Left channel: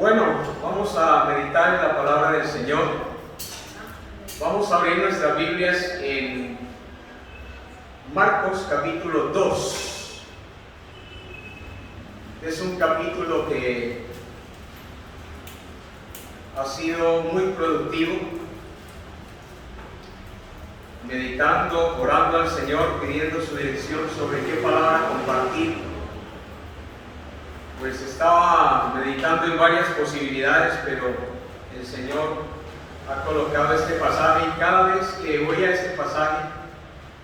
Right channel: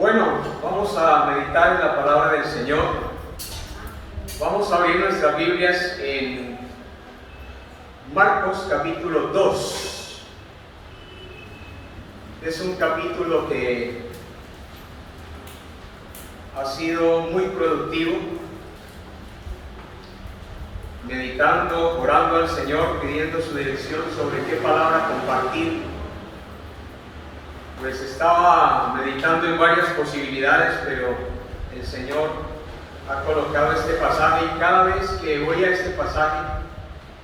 Bueno, vamos a meditar en la palabra del Señor. Vamos a abrir nuestras Biblias en Marcos capítulo 2. Es un capítulo que ha sido muy productivo, meditando, orando al Señor, pidiendo su dirección sobre qué palabra compartir. Pues estaba meditando en varias posibilidades, pero el Señor ha colocado este pasaje y cada vez que voy a este pasaje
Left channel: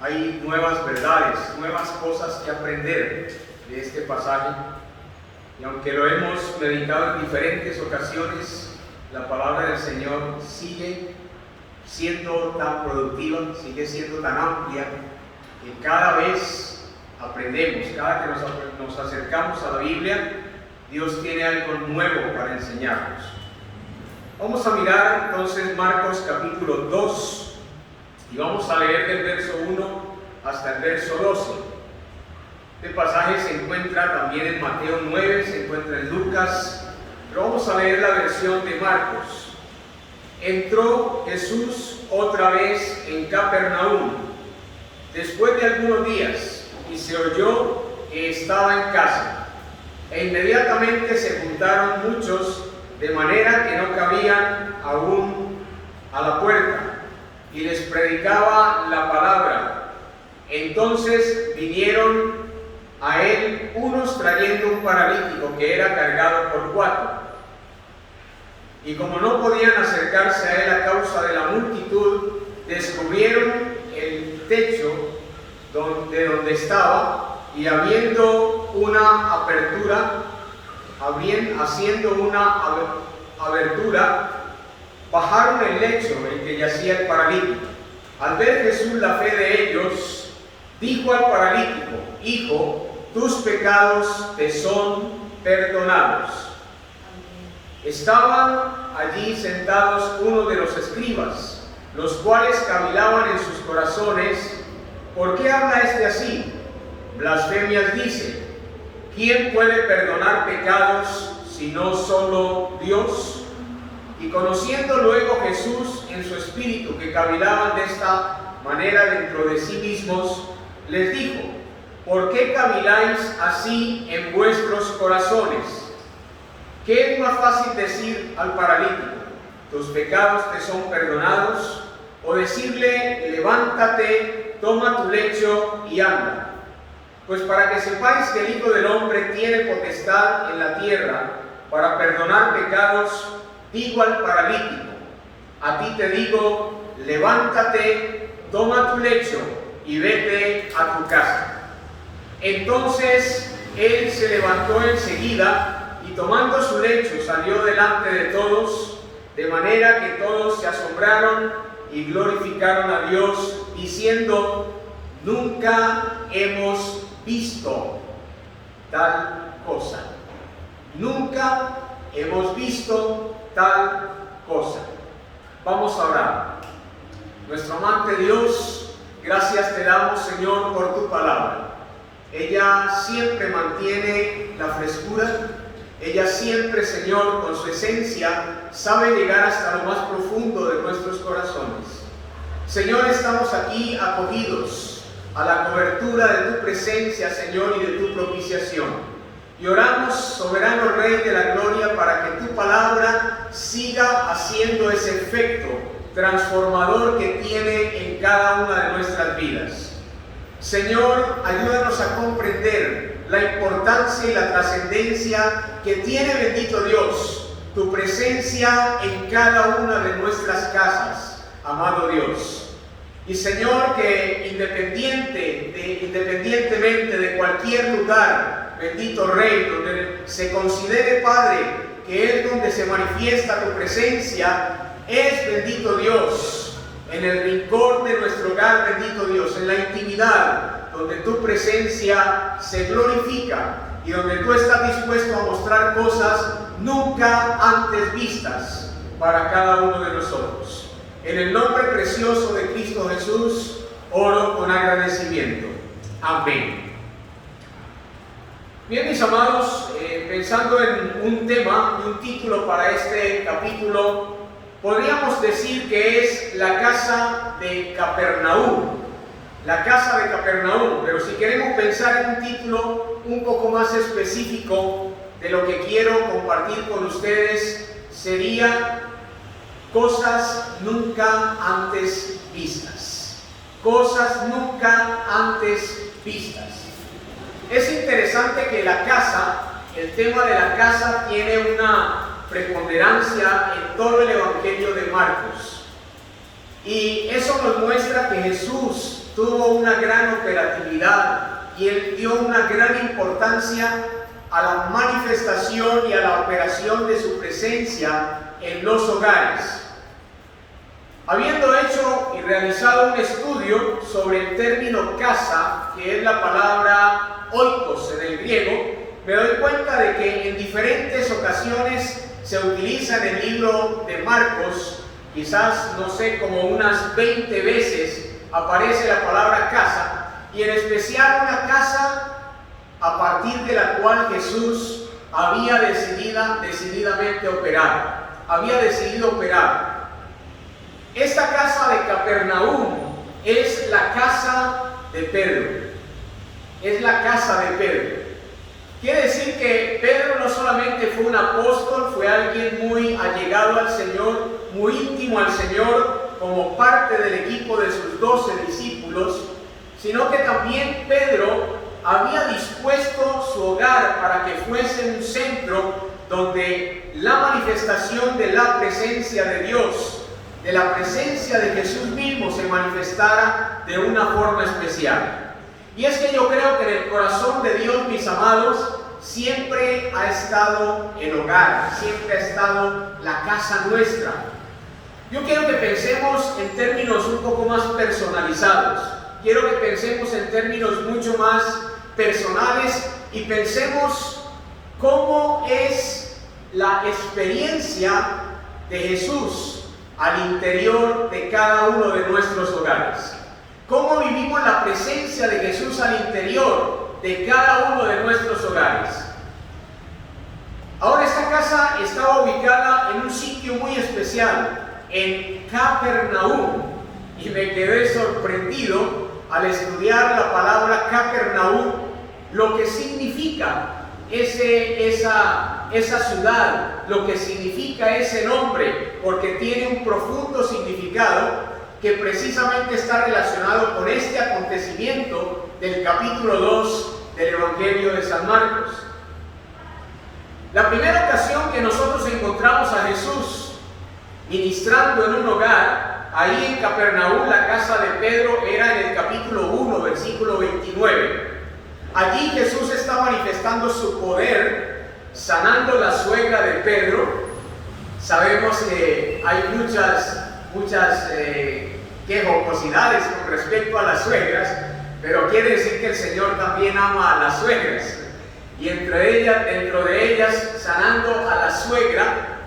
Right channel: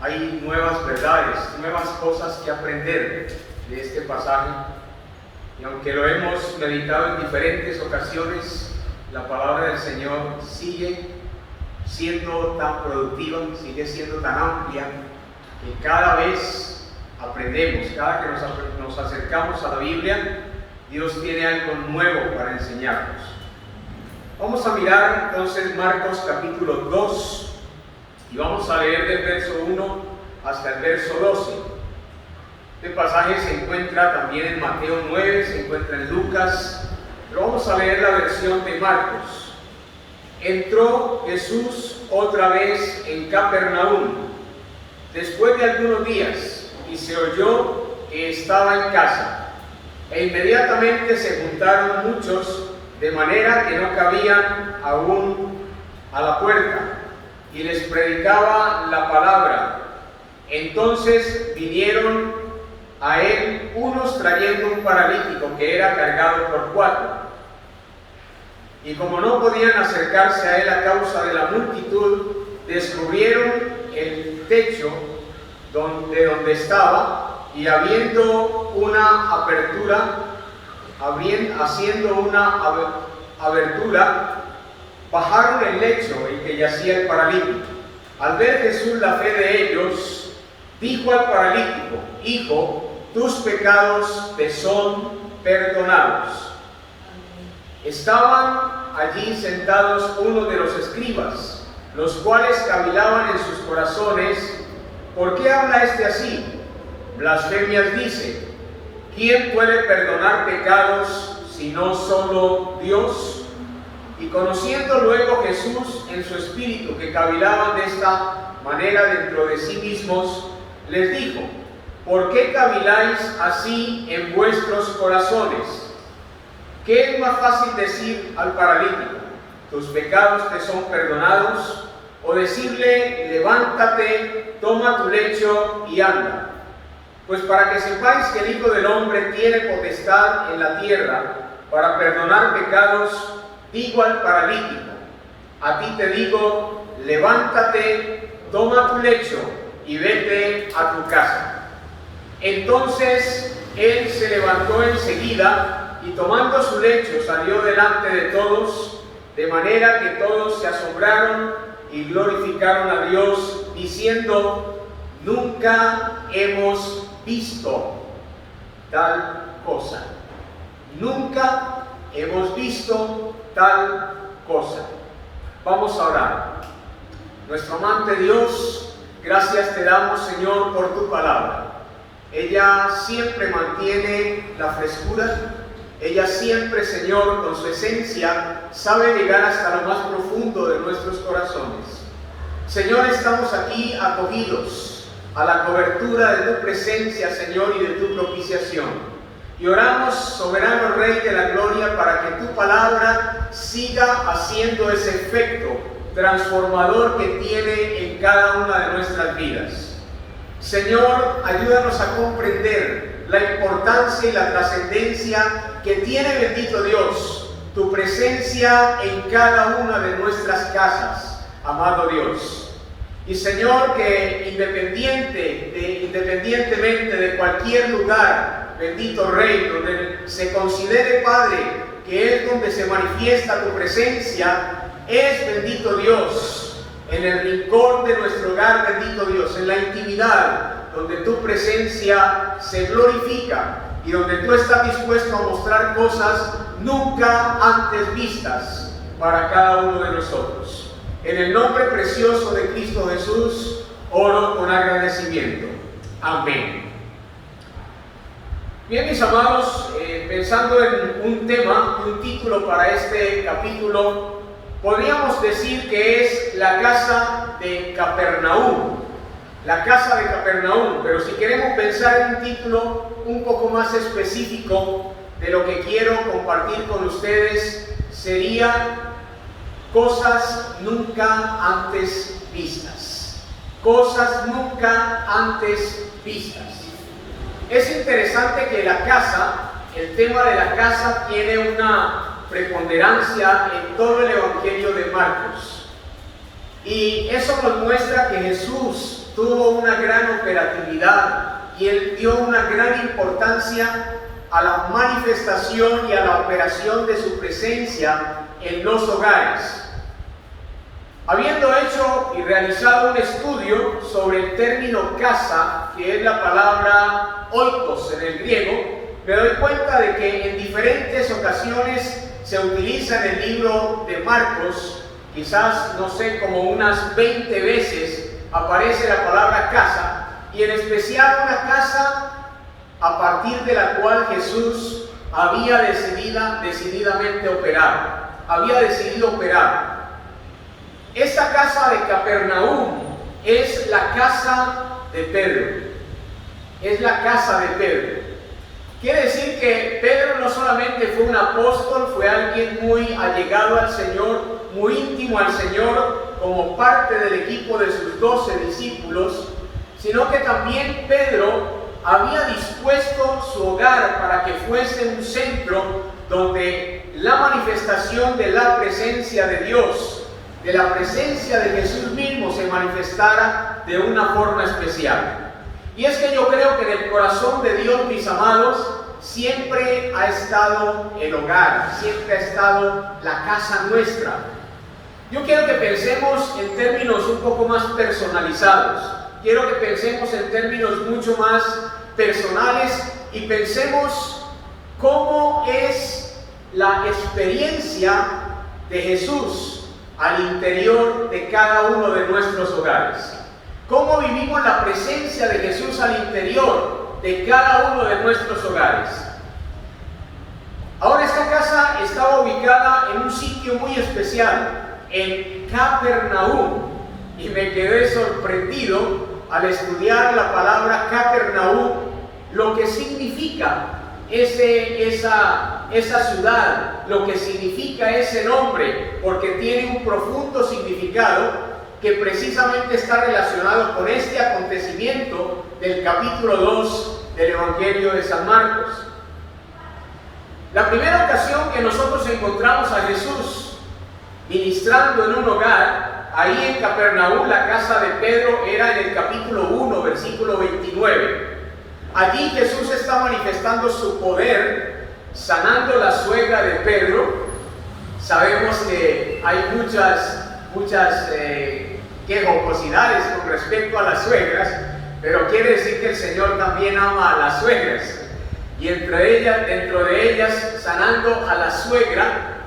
hay nuevas verdades, nuevas cosas que aprender de este pasaje. Y aunque lo hemos meditado en diferentes ocasiones, la palabra del Señor sigue siendo tan productiva, sigue siendo tan amplia, que cada vez aprendemos, cada que nos acercamos a la Biblia, Dios tiene algo nuevo para enseñarnos. Vamos a mirar entonces Marcos capítulo 2 y vamos a leer del verso 1 hasta el verso 12. Este pasaje se encuentra también en Mateo 9, se encuentra en Lucas, pero vamos a leer la versión de Marcos. Entró Jesús otra vez en Capernaum después de algunos días y se oyó que estaba en casa. E inmediatamente se juntaron muchos, de manera que no cabían aún a la puerta, y les predicaba la palabra. Entonces vinieron a él unos trayendo un paralítico que era cargado por 4. Y como no podían acercarse a él a causa de la multitud, descubrieron el techo de donde estaba, y haciendo una abertura, bajaron el lecho en que yacía el paralítico. Al ver Jesús la fe de ellos, dijo al paralítico: Hijo, tus pecados te son perdonados. Estaban allí sentados unos de los escribas, los cuales cavilaban en sus corazones: ¿por qué habla este así? Blasfemias dice. ¿Quién puede perdonar pecados sino solo Dios? Y conociendo luego Jesús en su espíritu que cavilaban de esta manera dentro de sí mismos, les dijo: ¿por qué caviláis así en vuestros corazones? ¿Qué es más fácil decir al paralítico: tus pecados te son perdonados? O decirle: levántate, toma tu lecho y anda. Pues para que sepáis que el Hijo del Hombre tiene potestad en la tierra para perdonar pecados, digo al paralítico: a ti te digo, levántate, toma tu lecho y vete a tu casa. Entonces él se levantó enseguida y tomando su lecho salió delante de todos, de manera que todos se asombraron y glorificaron a Dios, diciendo: nunca hemos visto tal cosa. Nunca hemos visto tal cosa. Vamos a orar. Nuestro amante Dios, gracias te damos, Señor, por tu palabra. Ella siempre mantiene la frescura. Ella siempre, Señor, con su esencia, sabe llegar hasta lo más profundo de nuestros corazones. Señor, estamos aquí acogidos a la cobertura de tu presencia, Señor, y de tu propiciación. Y oramos, soberano Rey de la Gloria, para que tu palabra siga haciendo ese efecto transformador que tiene en cada una de nuestras vidas. Señor, ayúdanos a comprender la importancia y la trascendencia que tiene, bendito Dios, tu presencia en cada una de nuestras casas, amado Dios. Y Señor, que independientemente de cualquier lugar, bendito Rey, donde se considere, Padre, que es donde se manifiesta tu presencia, es, bendito Dios, en el rincón de nuestro hogar, bendito Dios, en la intimidad, donde tu presencia se glorifica y donde tú estás dispuesto a mostrar cosas nunca antes vistas para cada uno de nosotros. En el nombre precioso de Cristo Jesús, oro con agradecimiento. Amén. Bien, mis amados, pensando en un tema y un título para este capítulo, podríamos decir que es la casa de Capernaum. La casa de Capernaum, pero si queremos pensar en un título un poco más específico de lo que quiero compartir con ustedes, sería cosas nunca antes vistas. Cosas nunca antes vistas. Es interesante que la casa, el tema de la casa tiene una preponderancia en todo el Evangelio de Marcos. Y eso nos muestra que Jesús tuvo una gran operatividad y Él dio una gran importancia a la manifestación y a la operación de su presencia en los hogares. Habiendo hecho y realizado un estudio sobre el término casa, que es la palabra oikos en el griego, me doy cuenta de que en diferentes ocasiones se utiliza en el libro de Marcos, quizás, no sé, como unas 20 veces aparece la palabra casa, y en especial una casa a partir de la cual Jesús había decididamente operar, había decidido operar. Esta casa de Capernaum es la casa de Pedro, es la casa de Pedro. Quiere decir que Pedro no solamente fue un apóstol, fue alguien muy allegado al Señor, muy íntimo al Señor, como parte del equipo de sus 12 discípulos, sino que también Pedro había dispuesto su hogar para que fuese un centro donde la manifestación de la presencia de Dios, de la presencia de Jesús mismo, se manifestara de una forma especial. Y es que yo creo que en el corazón de Dios, mis amados, siempre ha estado el hogar, siempre ha estado la casa nuestra. Yo quiero que pensemos en términos un poco más personalizados. Quiero que pensemos en términos mucho más personales y pensemos cómo es la experiencia de Jesús al interior de cada uno de nuestros hogares. ¿Cómo vivimos la presencia de Jesús al interior de cada uno de nuestros hogares? Ahora, esta casa estaba ubicada en un sitio muy especial, en Capernaum, y me quedé sorprendido al estudiar la palabra Capernaum, lo que significa esa ciudad, lo que significa ese nombre, porque tiene un profundo significado que precisamente está relacionado con este acontecimiento del capítulo 2 del Evangelio de San Marcos. La primera ocasión que nosotros encontramos a Jesús ministrando en un hogar, ahí en Capernaum, la casa de Pedro, era en el capítulo 1, versículo 29. Allí Jesús está manifestando su poder, sanando la suegra de Pedro. Sabemos que hay muchas jocosidades con respecto a las suegras, pero quiere decir que el Señor también ama a las suegras. Y dentro de ellas, sanando a la suegra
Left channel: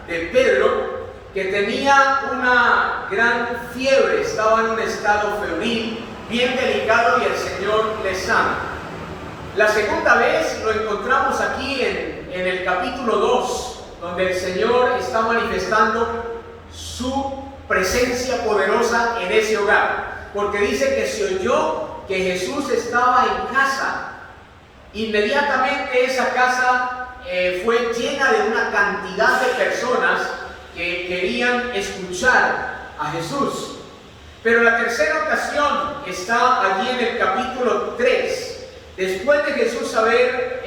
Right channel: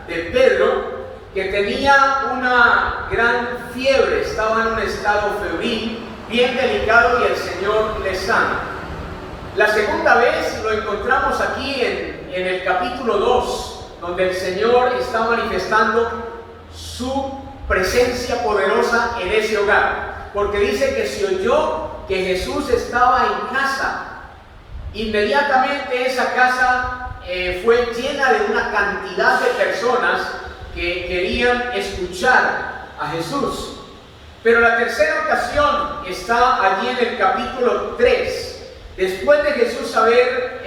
de Pedro, que tenía una gran fiebre, estaba en un estado febril, bien delicado, y el Señor le sana. La segunda vez lo encontramos aquí en el capítulo 2, donde el Señor está manifestando su presencia poderosa en ese hogar, porque dice que se oyó que Jesús estaba en casa. Inmediatamente esa casa fue llena de una cantidad de personas que querían escuchar a Jesús. Pero la tercera ocasión está allí en el capítulo 3, después de Jesús haber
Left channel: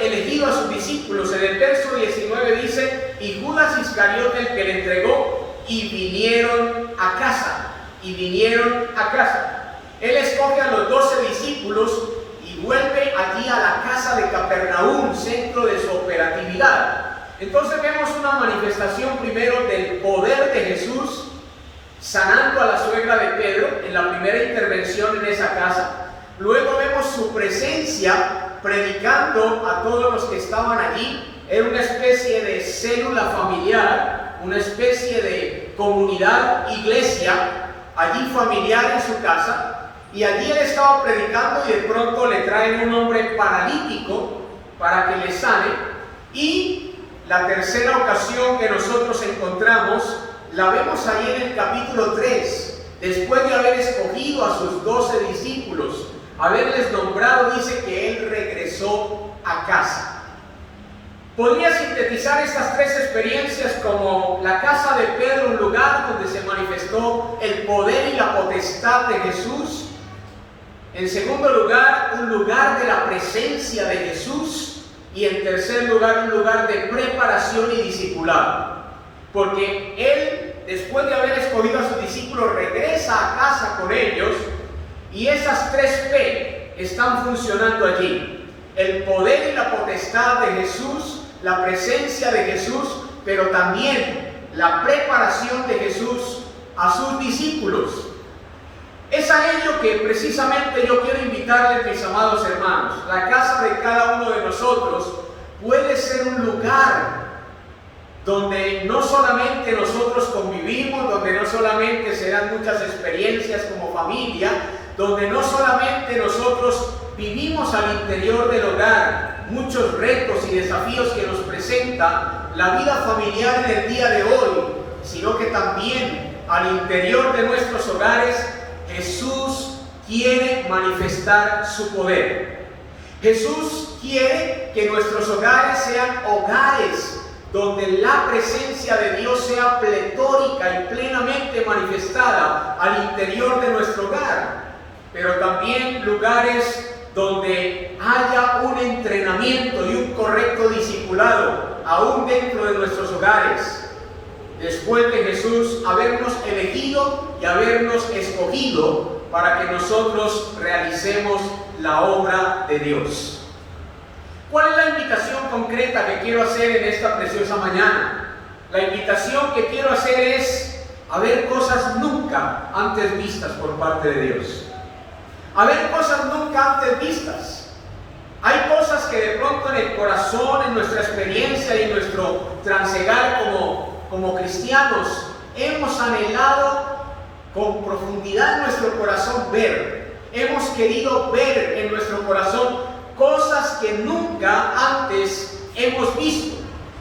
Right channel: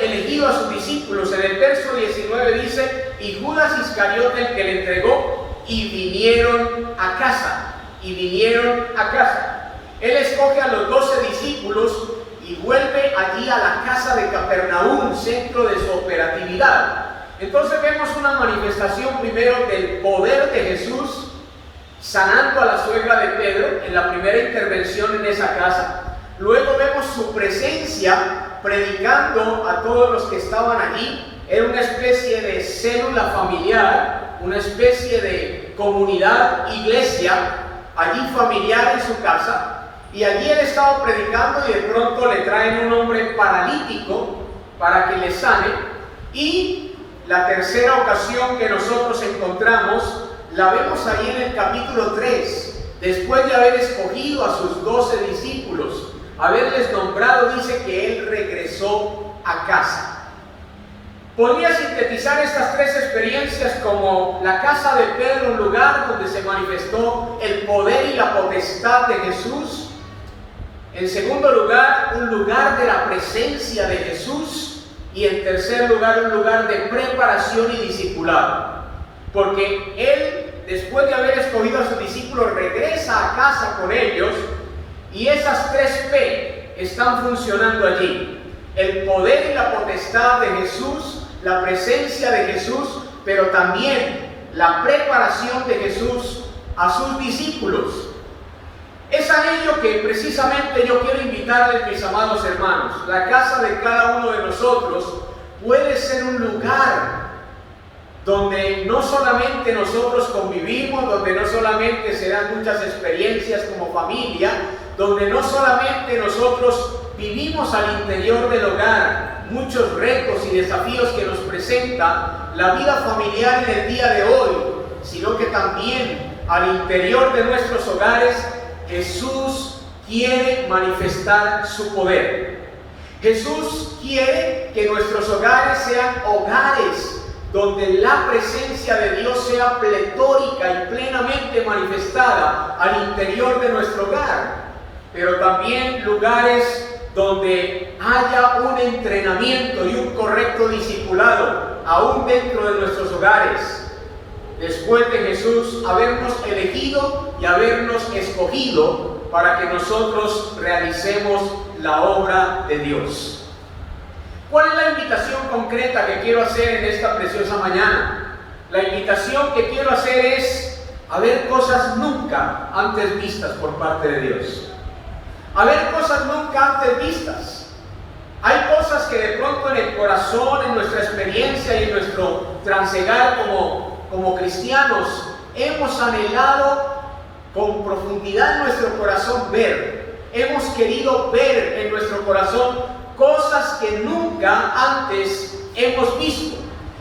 elegido a sus discípulos. En el verso 19 dice: y Judas Iscariote, el que le entregó, y vinieron a casa. Él escoge a los 12 discípulos y vuelve allí a la casa de Capernaum, centro de su operatividad. Entonces vemos una manifestación primero del poder de Jesús sanando a la suegra de Pedro en la primera intervención en esa casa. Luego vemos su presencia predicando a todos los que estaban allí. Era una especie de célula familiar, una especie de comunidad, iglesia, allí familiar en su casa. y allí él estaba predicando y de pronto le traen un hombre paralítico para que le sane. Y la tercera ocasión que nosotros encontramos la vemos ahí en el capítulo 3, después de haber escogido a sus 12 discípulos, haberles nombrado, dice que él regresó a casa. Podría sintetizar estas tres experiencias como la casa de Pedro, un lugar donde se manifestó el poder y la potestad de Jesús. En segundo lugar, un lugar de la presencia de Jesús. Y en tercer lugar, un lugar de preparación y discipulado. Porque él, después de haber escogido a sus discípulos, regresa a casa con ellos. Y esas tres P están funcionando allí. El poder y la potestad de Jesús, la presencia de Jesús, pero también la preparación de Jesús a sus discípulos. Es a ello que precisamente yo quiero invitarles, mis amados hermanos. La casa de cada uno de nosotros puede ser un lugar donde no solamente nosotros convivimos, donde no solamente se dan muchas experiencias como familia, donde no solamente nosotros vivimos al interior del hogar muchos retos y desafíos que nos presenta la vida familiar en el día de hoy, sino que también al interior de nuestros hogares Jesús quiere manifestar su poder. Jesús quiere que nuestros hogares sean hogares donde la presencia de Dios sea pletórica y plenamente manifestada al interior de nuestro hogar, pero también lugares donde haya un entrenamiento y un correcto discipulado aún dentro de nuestros hogares, después de Jesús habernos elegido y habernos escogido para que nosotros realicemos la obra de Dios. ¿Cuál es la invitación concreta que quiero hacer en esta preciosa mañana? La invitación que quiero hacer es a ver cosas nunca antes vistas por parte de Dios. A ver cosas nunca antes vistas. Hay cosas que de pronto en el corazón, en nuestra experiencia y en nuestro transegar como cristianos hemos anhelado con profundidad en nuestro corazón ver. Hemos querido ver en nuestro corazón cosas que nunca antes hemos visto.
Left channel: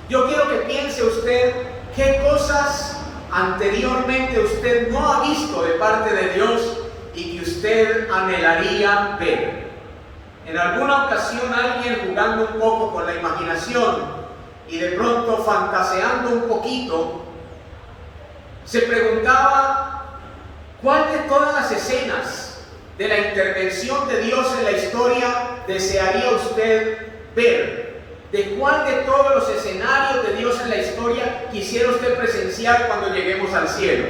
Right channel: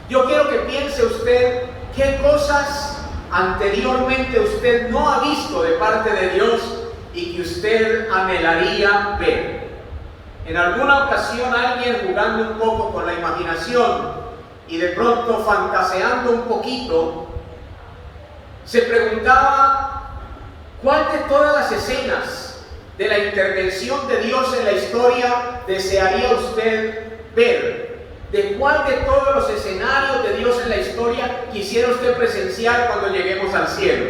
Yo quiero que piense usted qué cosas anteriormente usted no ha visto de parte de Dios y que usted anhelaría ver. En alguna ocasión alguien, jugando un poco con la imaginación y de pronto fantaseando un poquito, se preguntaba cuál de todas las escenas de la intervención de Dios en la historia desearía usted ver. ¿De cuál de todos los escenarios de Dios en la historia quisiera usted presenciar cuando lleguemos al cielo?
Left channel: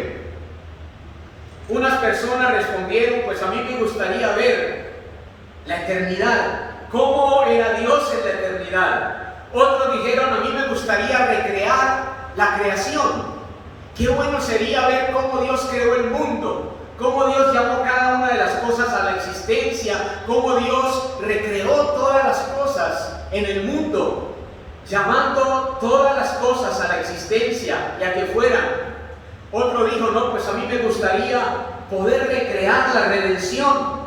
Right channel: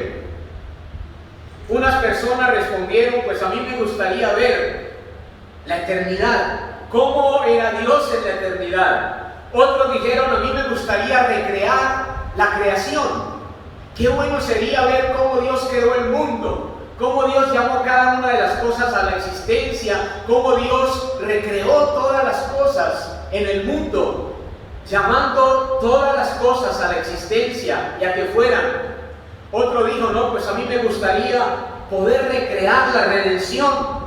Unas personas respondieron, pues a mí me gustaría ver la eternidad, cómo era Dios en la eternidad. Otros dijeron, a mí me gustaría recrear la creación. Qué bueno sería ver cómo Dios creó el mundo, cómo Dios llamó cada una de las cosas a la existencia, cómo Dios recreó todas las cosas en el mundo, llamando todas las cosas a la existencia y a que fueran. Otro dijo, no, pues a mí me gustaría poder recrear la redención.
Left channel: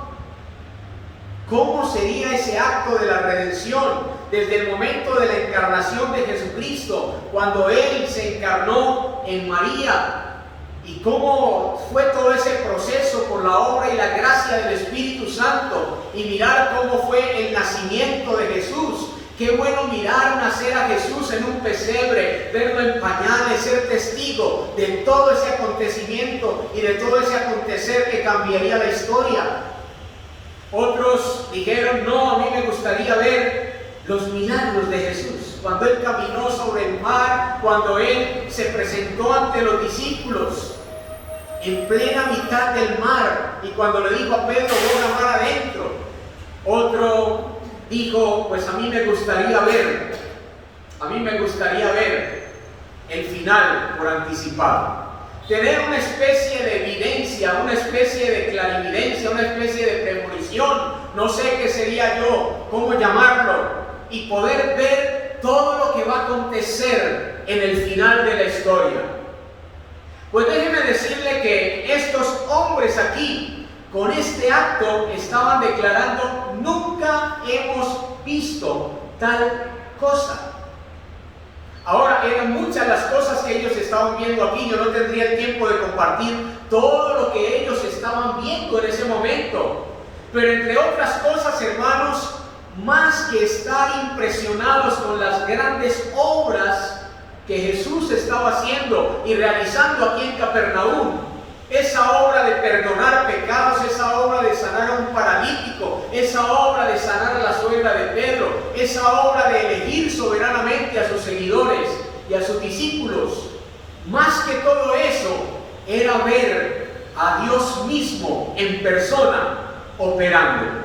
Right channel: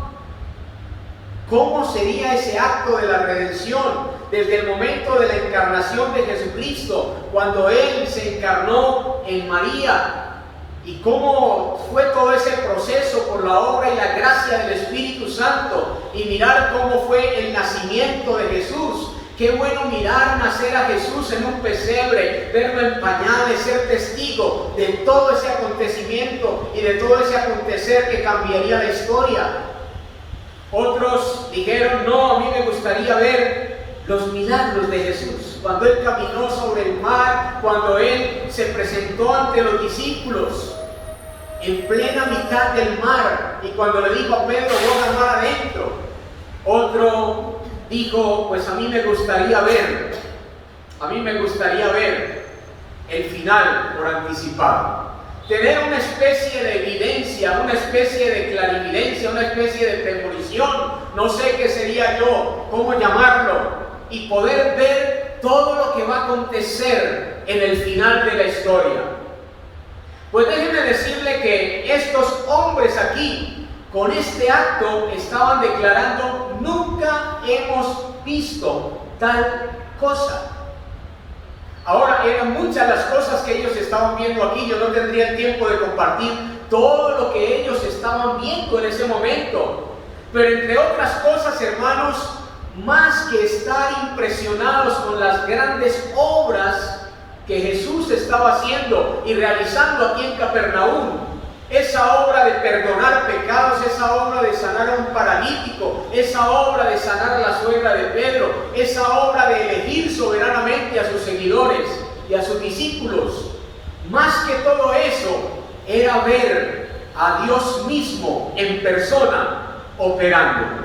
¿Cómo sería ese acto de la redención? Desde el momento de la encarnación de Jesucristo, cuando Él se encarnó en María, y cómo fue todo ese proceso por la obra y la gracia del Espíritu Santo, y mirar cómo fue el nacimiento de Jesús. Qué bueno mirar nacer a Jesús en un pesebre, verlo en pañales, ser testigo de todo ese acontecimiento y de todo ese acontecer que cambiaría la historia. Otros dijeron, no, a mí me gustaría ver los milagros de Jesús, cuando Él caminó sobre el mar, cuando Él se presentó ante los discípulos en plena mitad del mar, y cuando le dijo a Pedro, vos mar adentro. Otro dijo, pues a mí me gustaría ver el final por anticipado. Tener una especie de evidencia, una especie de clarividencia, una especie de premonición, no sé qué sería yo, cómo llamarlo, y poder ver todo lo que va a acontecer en el final de la historia. Pues déjeme decirle que estos hombres aquí con este acto estaban declarando: nunca hemos visto tal cosa. Ahora, eran muchas las cosas que ellos estaban viendo aquí. Yo no tendría el tiempo de compartir todo lo que ellos estaban viendo en ese momento. Pero entre otras cosas, hermanos, más que estar impresionados con las grandes obras que Jesús estaba haciendo y realizando aquí en Capernaum, esa obra de perdonar pecados, esa obra de sanar a un paralítico, esa obra de sanar a la suegra de Pedro, esa obra de elegir soberanamente a sus seguidores y a sus discípulos, más que todo eso, era ver a Dios mismo en persona operando.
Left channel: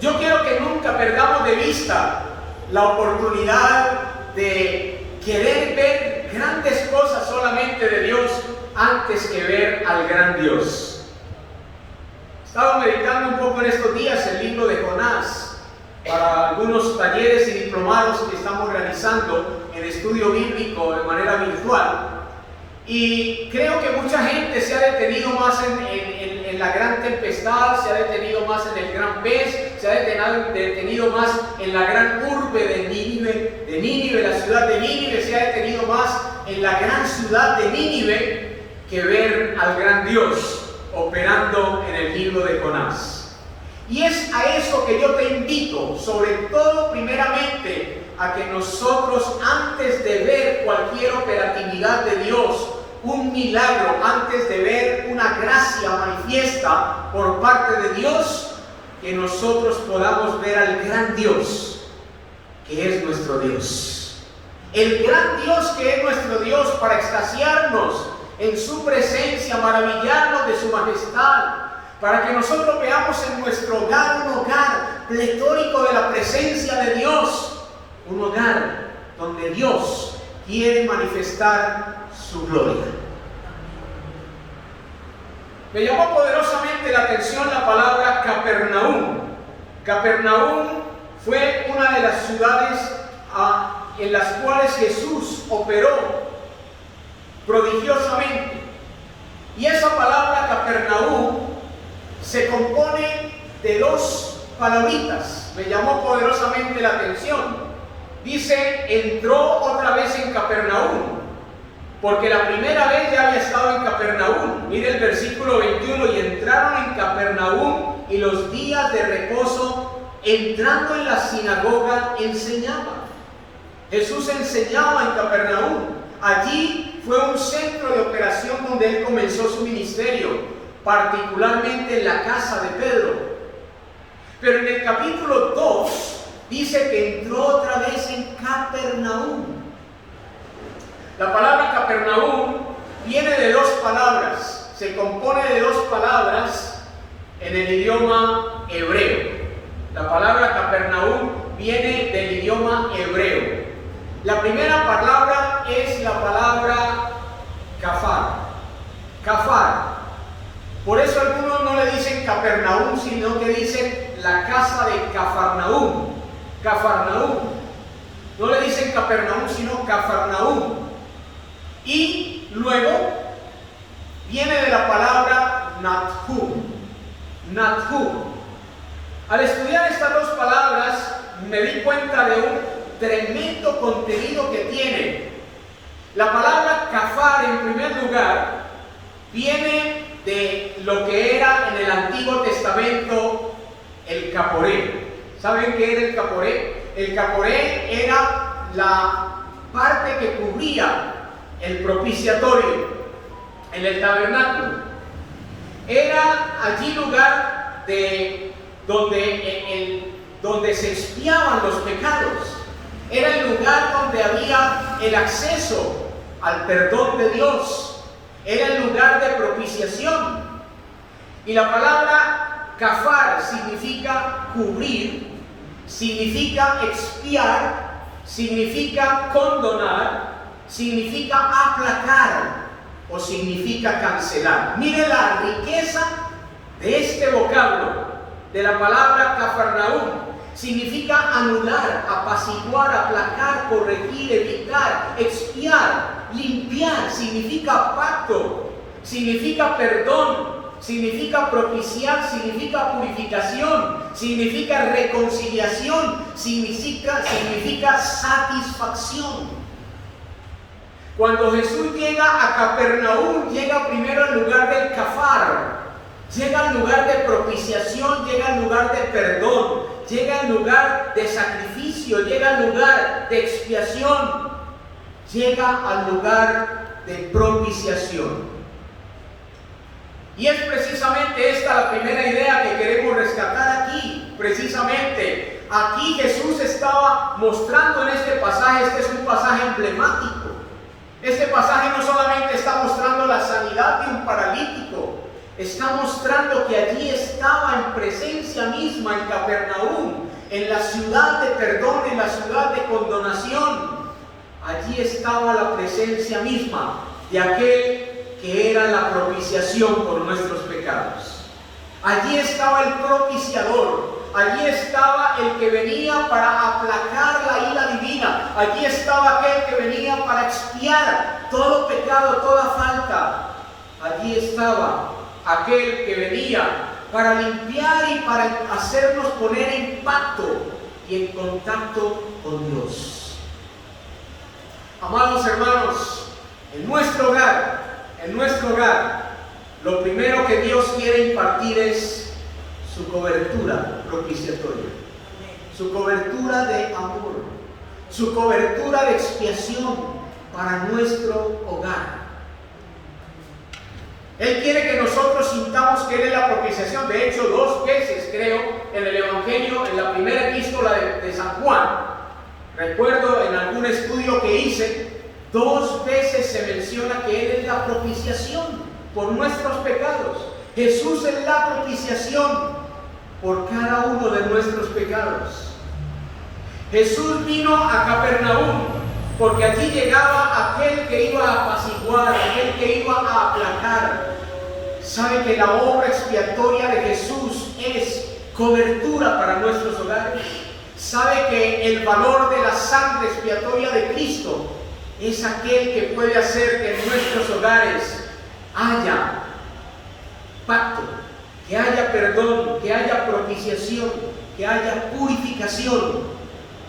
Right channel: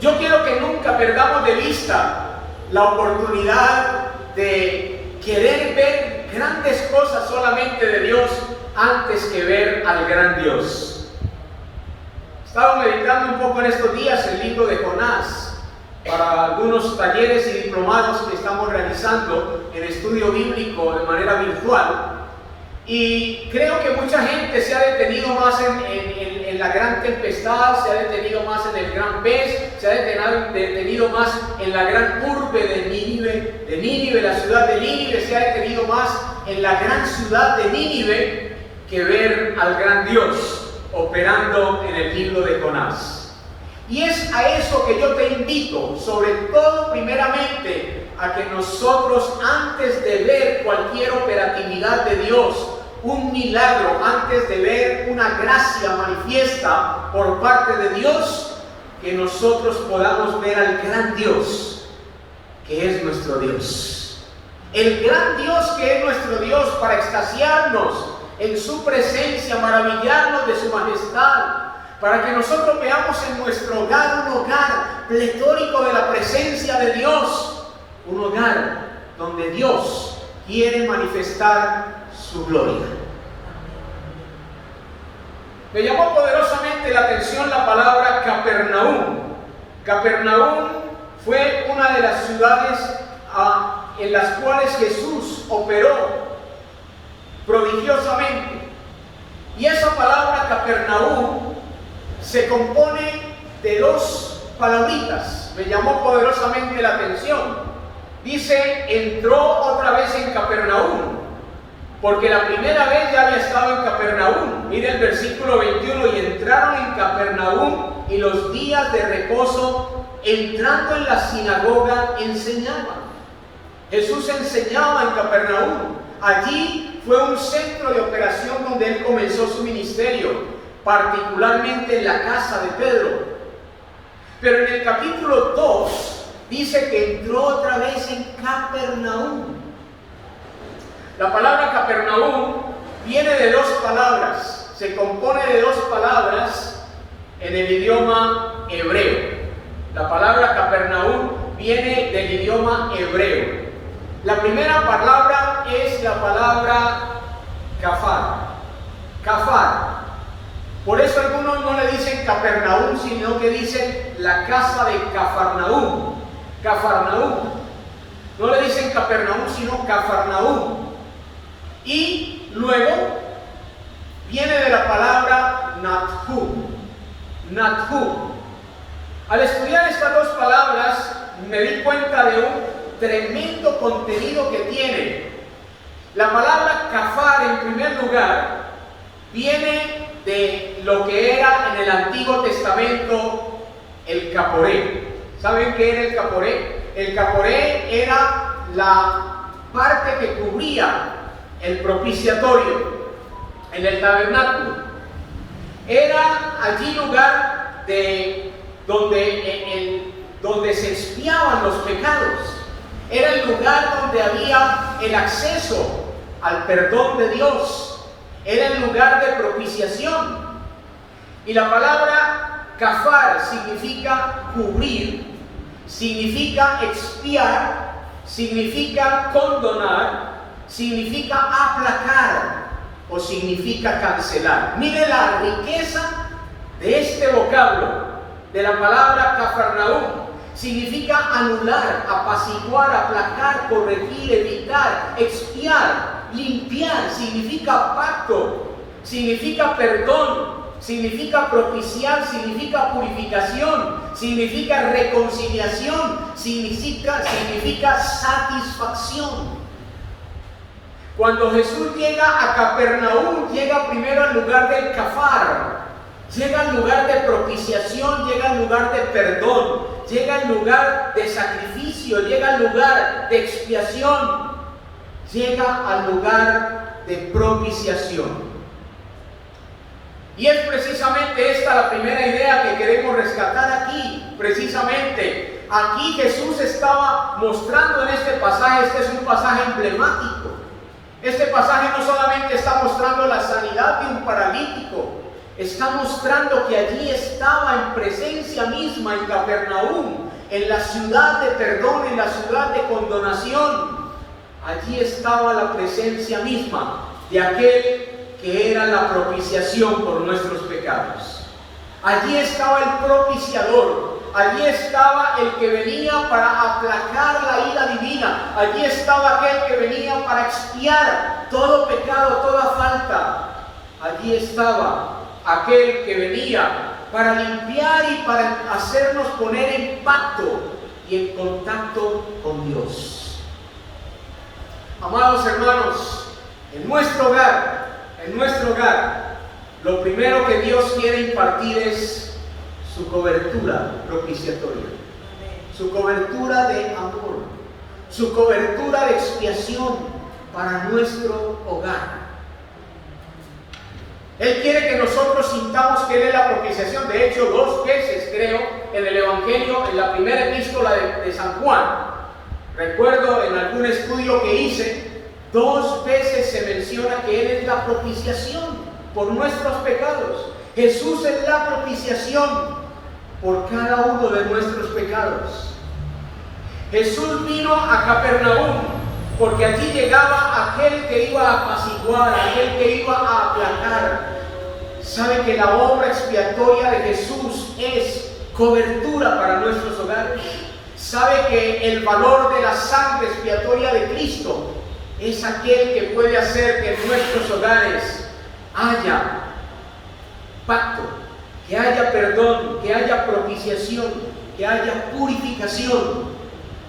Yo quiero que nunca perdamos de vista la oportunidad de querer ver grandes cosas solamente de Dios antes que ver al gran Dios. He estado meditando un poco en estos días el libro de Jonás para algunos talleres y diplomados que estamos realizando en estudio bíblico de manera virtual. Y creo que mucha gente se ha detenido más en la gran tempestad, se ha detenido más en el gran pez, se ha detenido más en la gran urbe de Nínive, la ciudad de Nínive, se ha detenido más en la gran ciudad de Nínive que ver al gran Dios operando en el libro de Jonás. Y es a eso que yo te invito, sobre todo primeramente, a que nosotros, antes de ver cualquier operatividad de Dios, un milagro, antes de ver una gracia manifiesta por parte de Dios, que nosotros podamos ver al gran Dios, que es nuestro Dios. El gran Dios que es nuestro Dios, para extasiarnos en su presencia, maravillarnos de su majestad, para que nosotros veamos en nuestro hogar un hogar pletórico de la presencia de Dios, un hogar donde Dios quiere manifestar su gloria. Me llamó poderosamente la atención la palabra Capernaum. Capernaum fue una de las ciudades en las cuales Jesús operó prodigiosamente. Y esa palabra Capernaum se compone de dos palabritas. Me llamó poderosamente la atención. Dice: entró otra vez en Capernaum, porque la primera vez ya había estado en Capernaum. Mira el versículo 21: y entraron en Capernaum, y los días de reposo, entrando en la sinagoga, enseñaba. Jesús enseñaba en Capernaum. Allí fue un centro de operación donde él comenzó su ministerio, particularmente en la casa de Pedro. Pero en el capítulo 2 dice que entró otra vez en Capernaum. La palabra Capernaum viene de dos palabras, se compone de dos palabras en el idioma hebreo. La palabra Capernaum viene del idioma hebreo. La primera palabra es la palabra Cafar. Cafar. Por eso algunos no le dicen Capernaum, sino que dicen la casa de Cafarnaum. Cafarnaum. No le dicen Capernaum, sino Cafarnaum. Y luego viene de la palabra Nathum. Nathum. Al estudiar estas dos palabras me di cuenta de un tremendo contenido que tiene. La palabra Cafar, en primer lugar, viene de lo que era en el Antiguo Testamento el caporé. ¿Saben qué era el caporé? El caporé era la parte que cubría el propiciatorio en el tabernáculo. Era allí lugar donde se expiaban los pecados. Era el lugar donde había el acceso al perdón de Dios. Era el lugar de propiciación. Y la palabra Cafar significa cubrir, significa expiar, significa condonar, significa aplacar o significa cancelar. Mire la riqueza de este vocablo, de la palabra Cafarnaum. Significa anular, apaciguar, aplacar, corregir, evitar, expiar, limpiar. Significa pacto, significa perdón, significa propiciar, significa purificación, significa reconciliación, significa satisfacción. Cuando Jesús llega a Capernaum, llega primero al lugar del kafar, llega al lugar de propiciación, llega al lugar de perdón, llega al lugar de sacrificio, llega al lugar de expiación, llega al lugar de propiciación. Y es precisamente esta la primera idea que queremos rescatar aquí. Precisamente aquí Jesús estaba mostrando en este pasaje, este es un pasaje emblemático. Este pasaje no solamente está mostrando la sanidad de un paralítico, está mostrando que allí estaba en presencia misma en Capernaum, en la ciudad de perdón, en la ciudad de condonación. Allí estaba la presencia misma de aquel que era la propiciación por nuestros pecados. Allí estaba el propiciador, allí estaba el que venía para aplacar la ira divina, allí estaba aquel que venía para expiar todo pecado, toda falta. Allí estaba aquel que venía para limpiar y para hacernos poner en pacto y en contacto con Dios. Amados hermanos, en nuestro hogar, lo primero que Dios quiere impartir es su cobertura propiciatoria, su cobertura de amor, su cobertura de expiación para nuestro hogar. Él quiere que nosotros sintamos que Él es la propiciación. De hecho, 2 veces creo en el Evangelio, en la primera epístola de San Juan, recuerdo en algún estudio que hice, 2 veces se menciona que Él es la propiciación por nuestros pecados. Jesús es la propiciación por cada uno de nuestros pecados. Jesús vino a Capernaum porque allí llegaba aquel que iba a apaciguar, aquel que iba a aplacar. ¿Sabe que la obra expiatoria de Jesús es cobertura para nuestros hogares? ¿Sabe que el valor de la sangre expiatoria de Cristo es aquel que puede hacer que en nuestros hogares haya pacto, que haya perdón, que haya propiciación, que haya purificación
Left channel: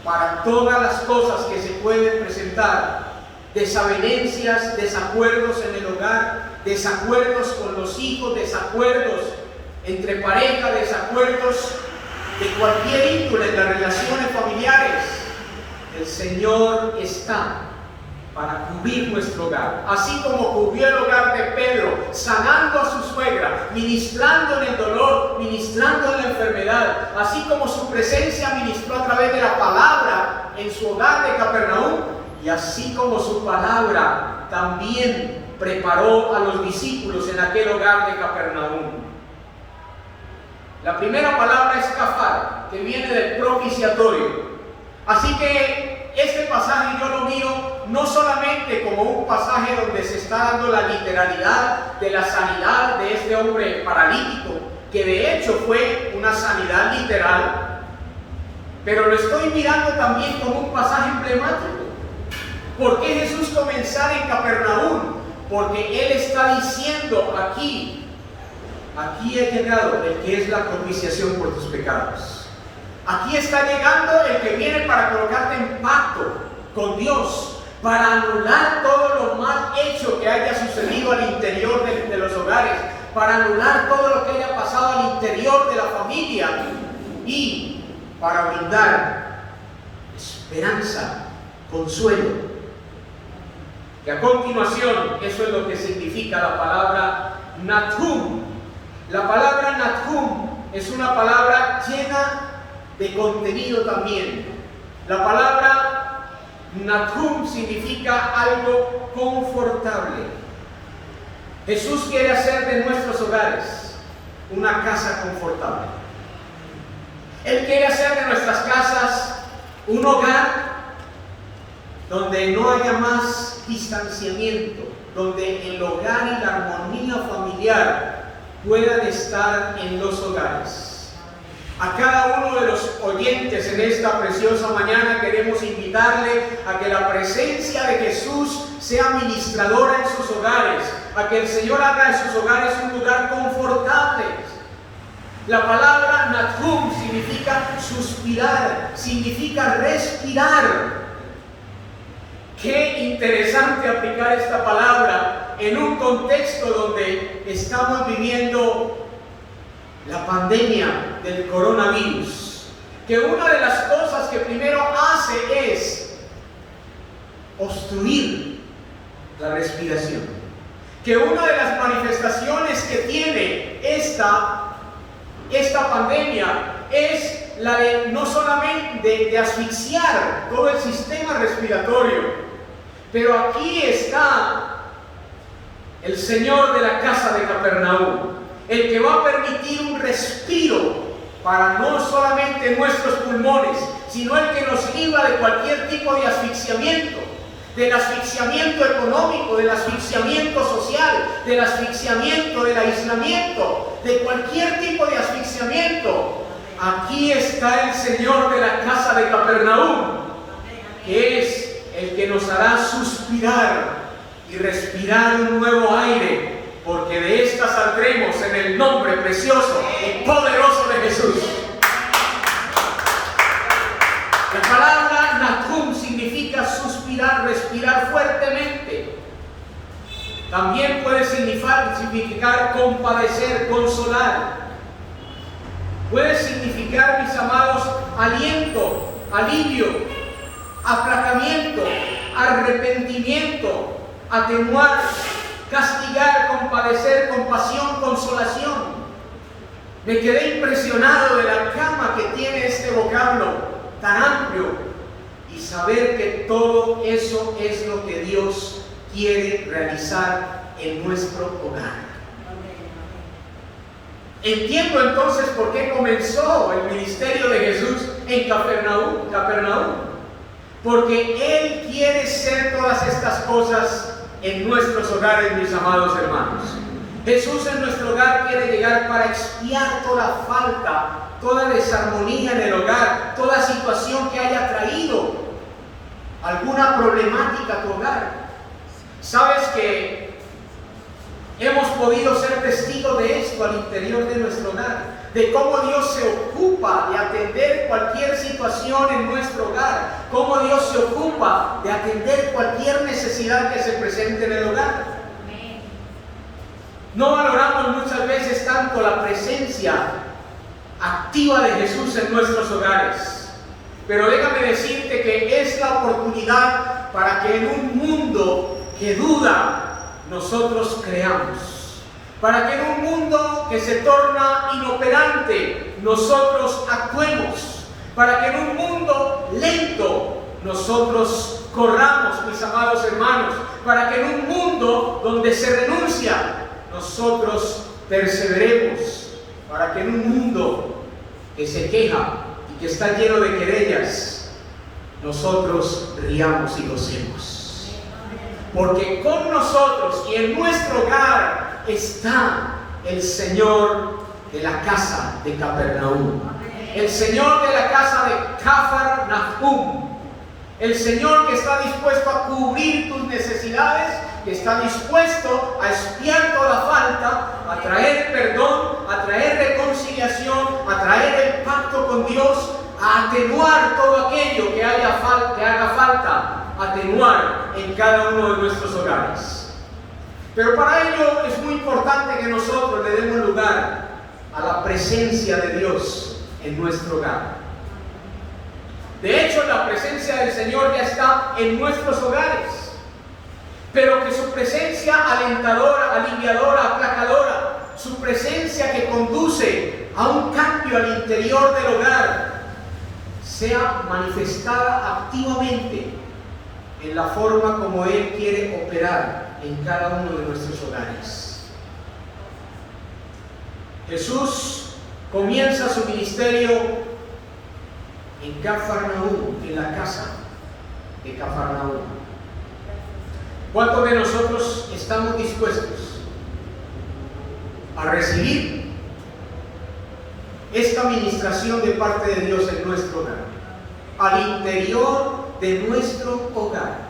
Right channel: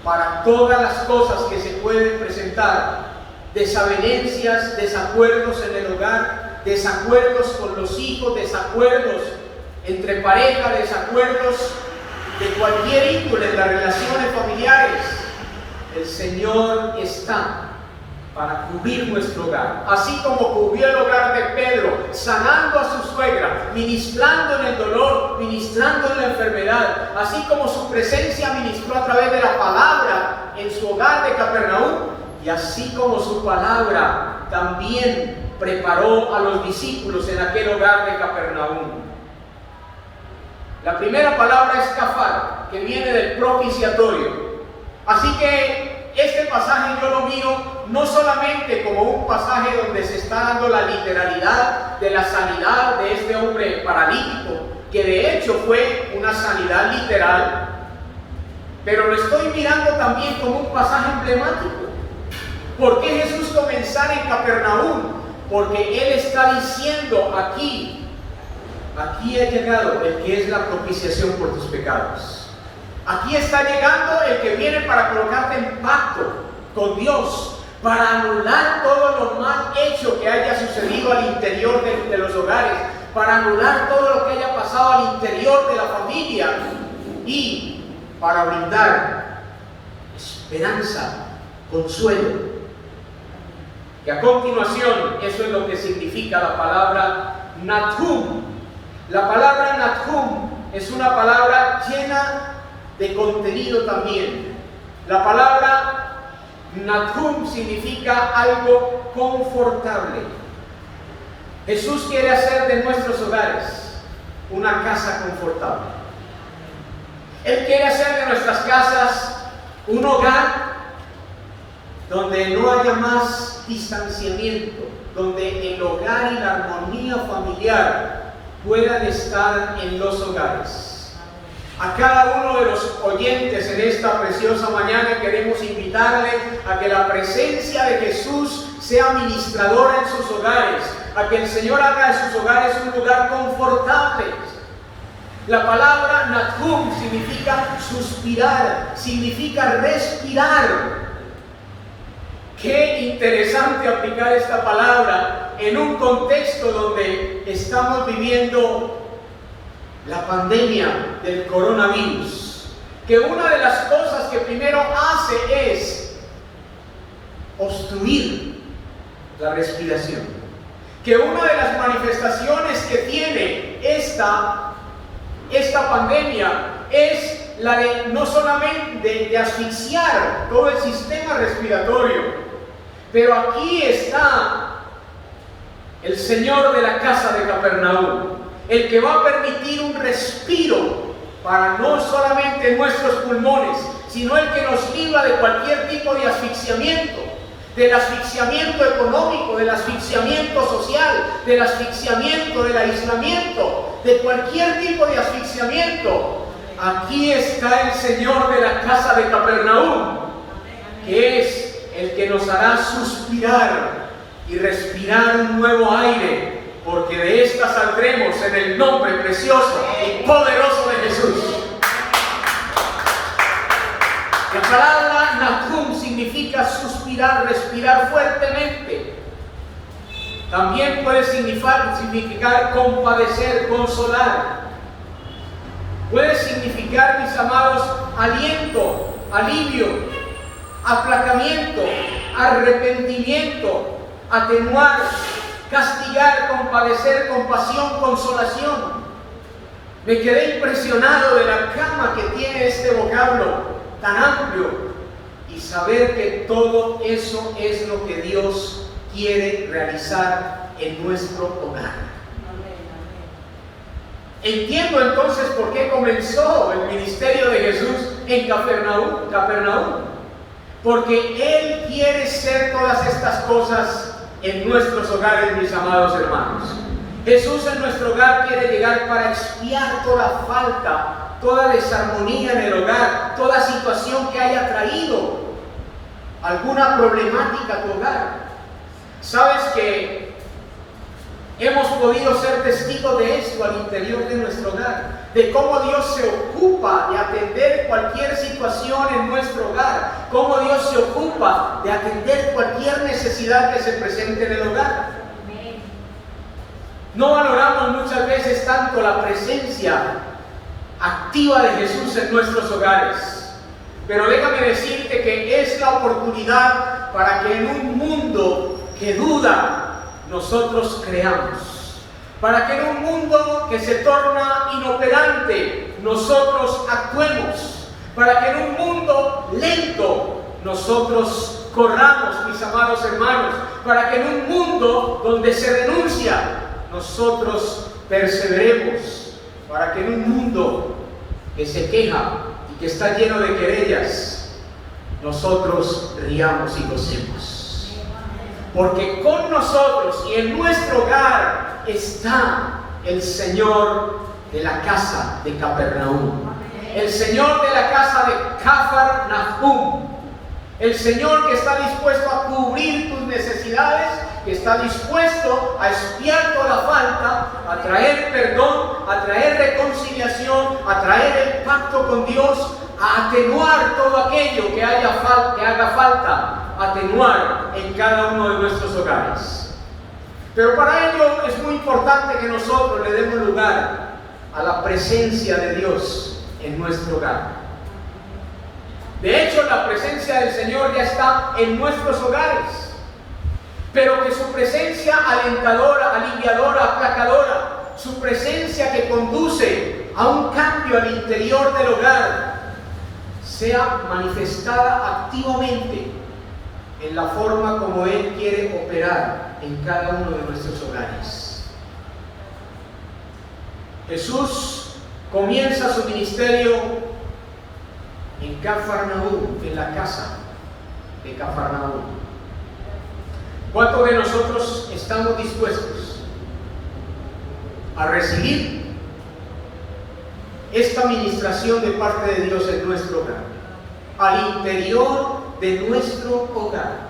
para todas las cosas que se pueden presentar? Desavenencias, desacuerdos en el hogar, desacuerdos con los hijos, desacuerdos entre pareja, desacuerdos de cualquier índole en las relaciones familiares. El Señor está para cubrir nuestro hogar, así como cubrió el hogar de Pedro, sanando a su suegra, ministrando en el dolor, ministrando en la enfermedad, así como su presencia ministró a través de la palabra en su hogar de Capernaum, y así como su palabra también preparó a los discípulos en aquel hogar de Capernaum. La primera palabra es kafar, que viene del propiciatorio. Así que este pasaje yo lo miro no solamente como un pasaje donde se está dando la literalidad de la sanidad de este hombre paralítico, que de hecho fue una sanidad literal, pero lo estoy mirando también como un pasaje emblemático. ¿Por qué Jesús comenzara en Capernaum? Porque Él está diciendo aquí ha llegado el que es la propiciación por tus pecados. Aquí está llegando el que viene para colocarte en pacto con Dios, para anular todo lo mal hecho que haya sucedido al interior de los hogares, para anular todo lo que haya pasado al interior de la familia y para brindar esperanza, consuelo. Y a continuación, eso es lo que significa la palabra Nathum. La palabra Nathum es una palabra llena de contenido también. La palabra Nathum significa algo confortable. Jesús quiere hacer de nuestros hogares una casa confortable. Él quiere hacer de nuestras casas un hogar donde no haya más distanciamiento, donde el hogar y la armonía familiar puedan estar en los hogares. A cada uno de los oyentes en esta preciosa mañana queremos invitarle a que la presencia de Jesús sea ministradora en sus hogares, a que el Señor haga de sus hogares un lugar confortable. La palabra Nahum significa suspirar, significa respirar. Qué interesante aplicar esta palabra en un contexto donde estamos viviendo la pandemia del coronavirus. Que una de las cosas que primero hace es obstruir la respiración. Que una de las manifestaciones que tiene esta pandemia es la de no solamente de asfixiar todo el sistema respiratorio, pero aquí está el Señor de la casa de Capernaum, el que va a permitir un respiro para no solamente nuestros pulmones, sino el que nos libra de cualquier tipo de asfixiamiento, del asfixiamiento económico, del asfixiamiento social, del asfixiamiento, del aislamiento, de cualquier tipo de asfixiamiento. Aquí está el Señor de la casa de Capernaum, que es el que nos hará suspirar y respirar un nuevo aire, porque de esta saldremos en el nombre precioso y poderoso de Jesús. La palabra Nahum significa suspirar, respirar fuertemente. También puede significar compadecer, consolar. Puede significar, mis amados, aliento, alivio, aplacamiento, arrepentimiento, atenuar, castigar, compadecer, compasión, consolación. Me quedé impresionado de la gama que tiene este vocablo tan amplio y saber que todo eso es lo que Dios quiere realizar en nuestro hogar. Entiendo entonces por qué comenzó el ministerio de Jesús en Capernaum. Porque Él quiere ser todas estas cosas en nuestros hogares, mis amados hermanos. Jesús en nuestro hogar quiere llegar para expiar toda falta, toda desarmonía en el hogar, toda situación que haya traído alguna problemática a tu hogar. Sabes que hemos podido ser testigos de esto al interior de nuestro hogar, de cómo Dios se ocupa de atender cualquier situación en nuestro hogar, cómo Dios se ocupa de atender cualquier necesidad que se presente en el hogar. No valoramos muchas veces tanto la presencia activa de Jesús en nuestros hogares, pero déjame decirte que es la oportunidad para que en un mundo que duda, nosotros creamos. Para que en un mundo que se torna inoperante, nosotros actuemos. Para que en un mundo lento, nosotros corramos, mis amados hermanos. Para que en un mundo donde se renuncia, nosotros perseveremos. Para que en un mundo que se queja y que está lleno de querellas, nosotros riamos y gocemos. Porque con nosotros y en nuestro hogar está el Señor de la casa de Capernaum, el Señor de la casa de Cafarnaum, el Señor que está dispuesto a cubrir tus necesidades, que está dispuesto a expiar toda falta, a traer perdón, a traer reconciliación, a traer el pacto con Dios, a atenuar todo aquello que haga falta atenuar en cada uno de nuestros hogares. Pero para ello es muy importante que nosotros le demos lugar a la presencia de Dios en nuestro hogar. De hecho, la presencia del Señor ya está en nuestros hogares, pero que su presencia alentadora, aliviadora, aplacadora, su presencia que conduce a un cambio al interior del hogar, sea manifestada activamente en la forma como Él quiere operar en cada uno de nuestros hogares. Jesús comienza su ministerio en Cafarnaum, en la casa de Cafarnaum. ¿Cuántos de nosotros estamos dispuestos a recibir esta ministración de parte de Dios en nuestro hogar, al interior de nuestro hogar?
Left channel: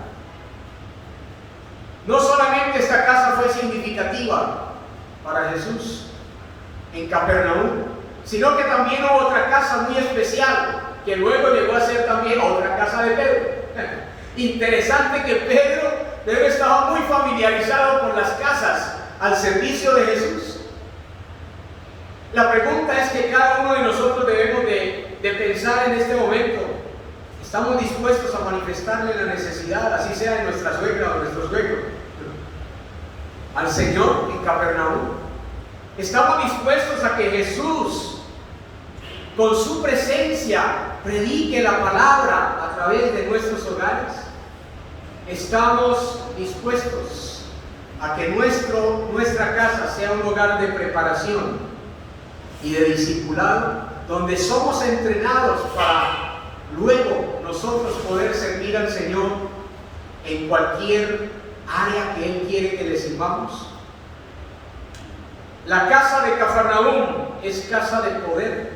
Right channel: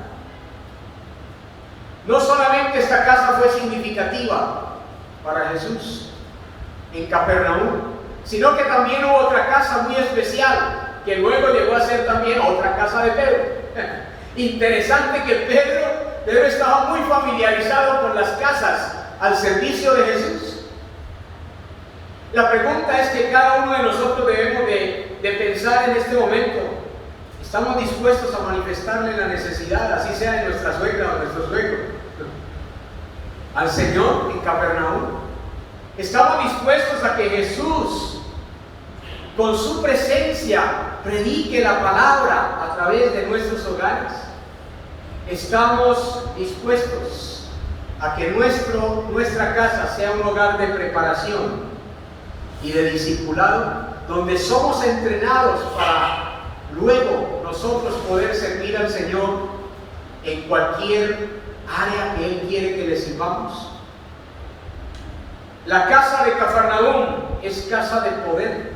No solamente esta casa fue significativa para Jesús en Capernaum, sino que también hubo otra casa muy especial, que luego llegó a ser también otra casa de Pedro. Interesante que Pedro estaba muy familiarizado con las casas al servicio de Jesús. La pregunta es que cada uno de nosotros debemos de pensar en este momento. ¿Estamos dispuestos a manifestarle la necesidad, así sea de nuestra suegra o de nuestro suegro, al Señor en Capernaum? ¿Estamos dispuestos a que Jesús, con su presencia, predique la palabra a través de nuestros hogares? ¿Estamos dispuestos a que nuestra casa sea un hogar de preparación y de discipulado, donde somos entrenados para luego nosotros poder servir al Señor en cualquier área que Él quiere que le sirvamos? La casa de Cafarnaúm es casa de poder,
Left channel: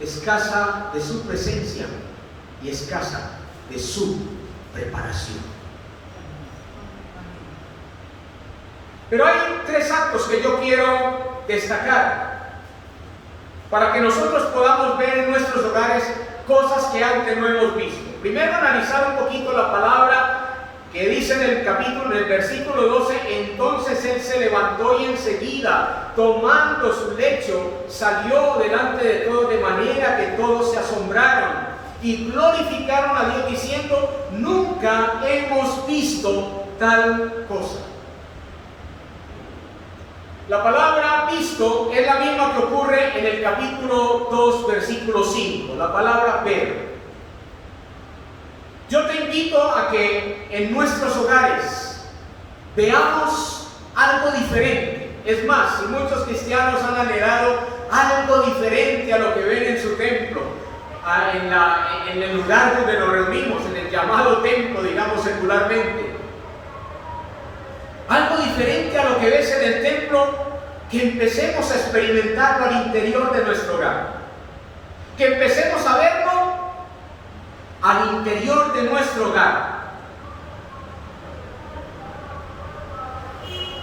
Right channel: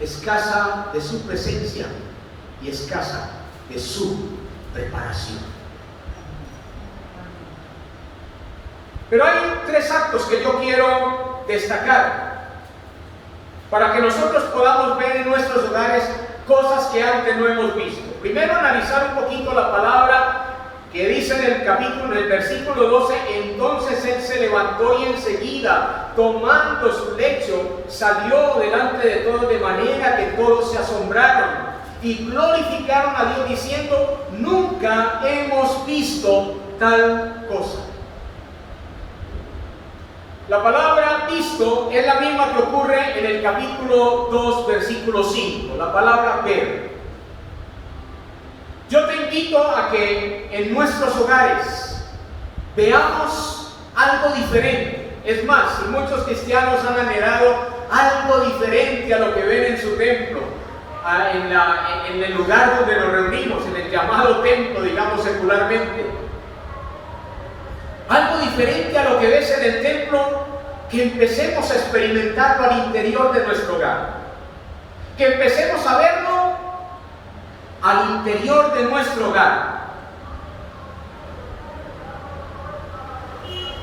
es casa de su presencia y es casa de su preparación. Pero hay tres actos que yo quiero destacar para que nosotros podamos ver en nuestros hogares cosas que antes no hemos visto. Primero, analizar un poquito la palabra que dice en el versículo 12: entonces él se levantó y enseguida, tomando su lecho, salió delante de todos, de manera que todos se asombraron y glorificaron a Dios diciendo: nunca hemos visto tal cosa. La palabra visto es la misma que ocurre en el capítulo 2, versículo 5, la palabra ver. Yo te invito a que en nuestros hogares veamos algo diferente. Es más, si muchos cristianos han anhelado algo diferente a lo que ven en su templo, en el lugar donde nos reunimos, en el llamado templo, digamos secularmente, algo diferente a lo que ves en el templo, que empecemos a experimentarlo al interior de nuestro hogar, que empecemos a verlo al interior de nuestro hogar.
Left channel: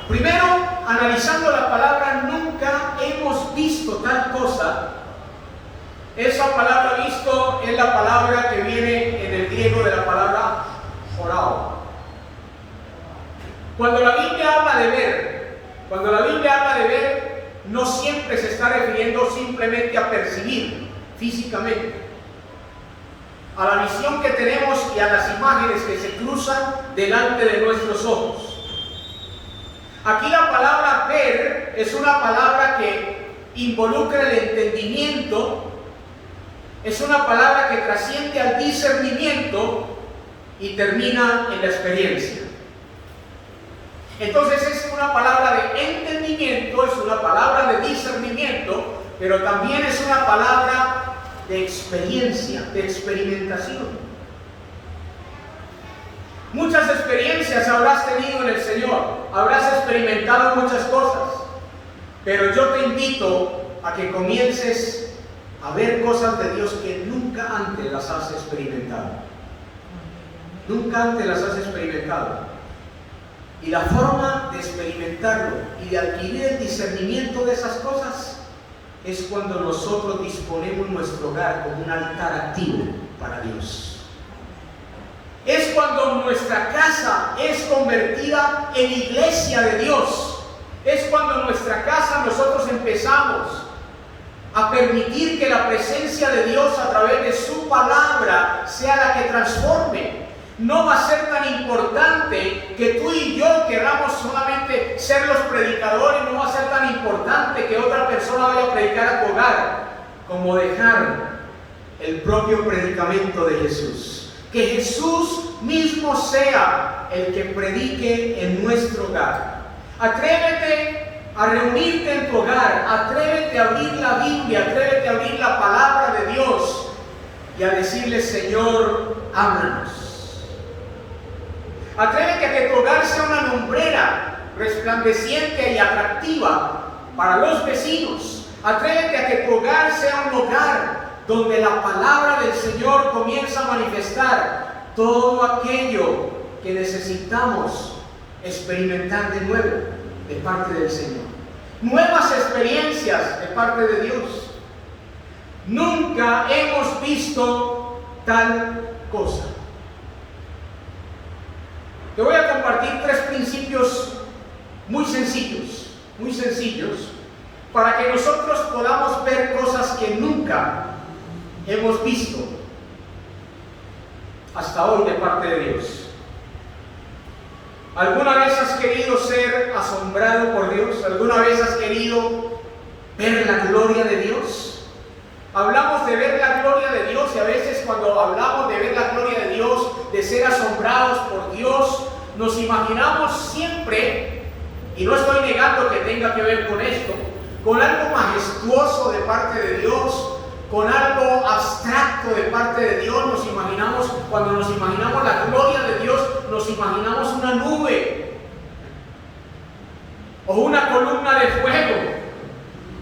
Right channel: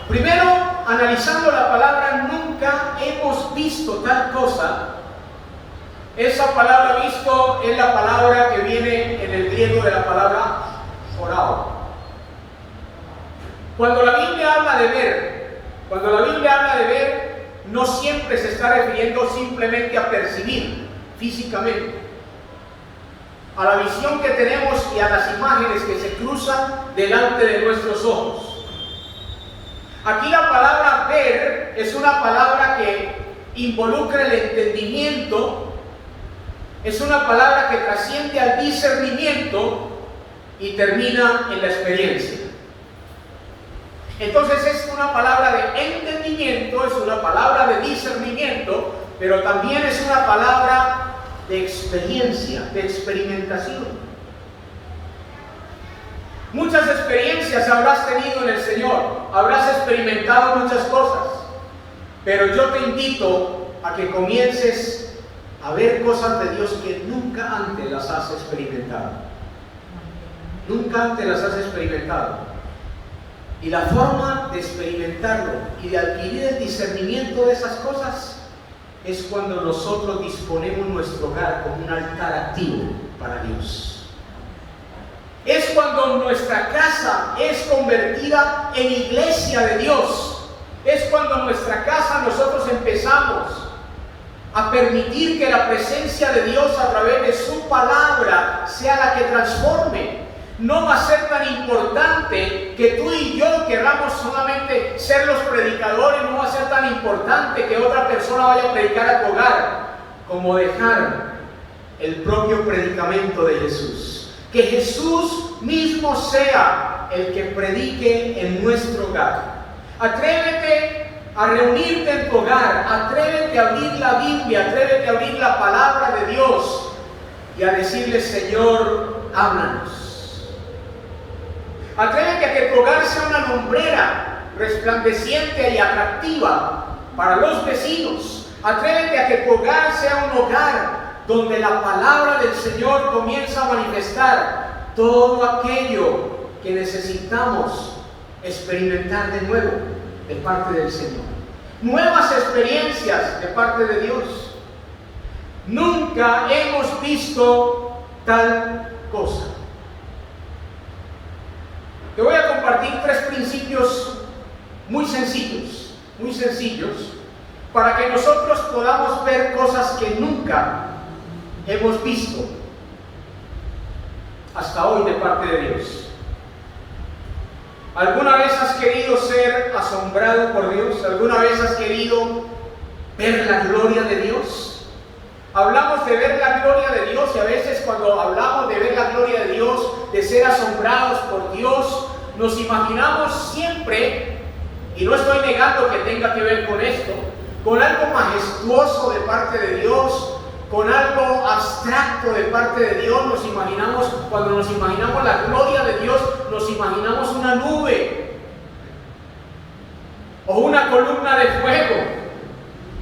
Primero, analizando la palabra nunca hemos visto tal cosa. Esa palabra visto es la palabra que viene en el griego de la palabra orao. Cuando la Biblia habla de ver, no siempre se está refiriendo simplemente a percibir físicamente, a la visión que tenemos y a las imágenes que se cruzan delante de nuestros ojos. Aquí la palabra ver es una palabra que involucra el entendimiento, es una palabra que trasciende al discernimiento y termina en la experiencia. Entonces es una palabra de entendimiento, es una palabra de discernimiento, pero también es una palabra de experiencia, de experimentación. Muchas experiencias habrás tenido en el Señor, habrás experimentado muchas cosas, pero yo te invito a que comiences a ver cosas de Dios que nunca antes las has experimentado. Nunca antes las has experimentado. Y la forma de experimentarlo y de adquirir el discernimiento de esas cosas es cuando nosotros disponemos nuestro hogar como un altar activo para Dios. Es cuando nuestra casa es convertida en iglesia de Dios. Es cuando en nuestra casa nosotros empezamos a permitir que la presencia de Dios a través de su palabra sea la que transforme. No va a ser tan importante que tú y yo queramos solamente ser los predicadores, no va a ser tan importante que otra persona vaya a predicar a tu hogar, como dejar el propio predicamento de Jesús. Que Jesús mismo sea el que predique en nuestro hogar. Atrévete a reunirte en tu hogar, atrévete a abrir la Biblia, atrévete a abrir la palabra de Dios y a decirle: Señor, háblanos. Atrévete a que tu hogar sea una lumbrera resplandeciente y atractiva para los vecinos. Atrévete a que tu hogar sea un hogar donde la palabra del Señor comienza a manifestar todo aquello que necesitamos experimentar de nuevo de parte del Señor. Nuevas experiencias de parte de Dios. Nunca hemos visto tal cosa. Te voy a compartir 3 principios muy sencillos, para que nosotros podamos ver cosas que nunca hemos visto hasta hoy de parte de Dios. ¿Alguna vez has querido ser asombrado por Dios? ¿Alguna vez has querido ver la gloria de Dios? Hablamos de ver la gloria de Dios y a veces cuando hablamos de ver la gloria de Dios, de ser asombrados por Dios, nos imaginamos siempre, y no estoy negando que tenga que ver con esto, con algo majestuoso de parte de Dios, con algo abstracto de parte de Dios. Nos imaginamos, cuando nos imaginamos la gloria de Dios, nos imaginamos una nube o una columna de fuego.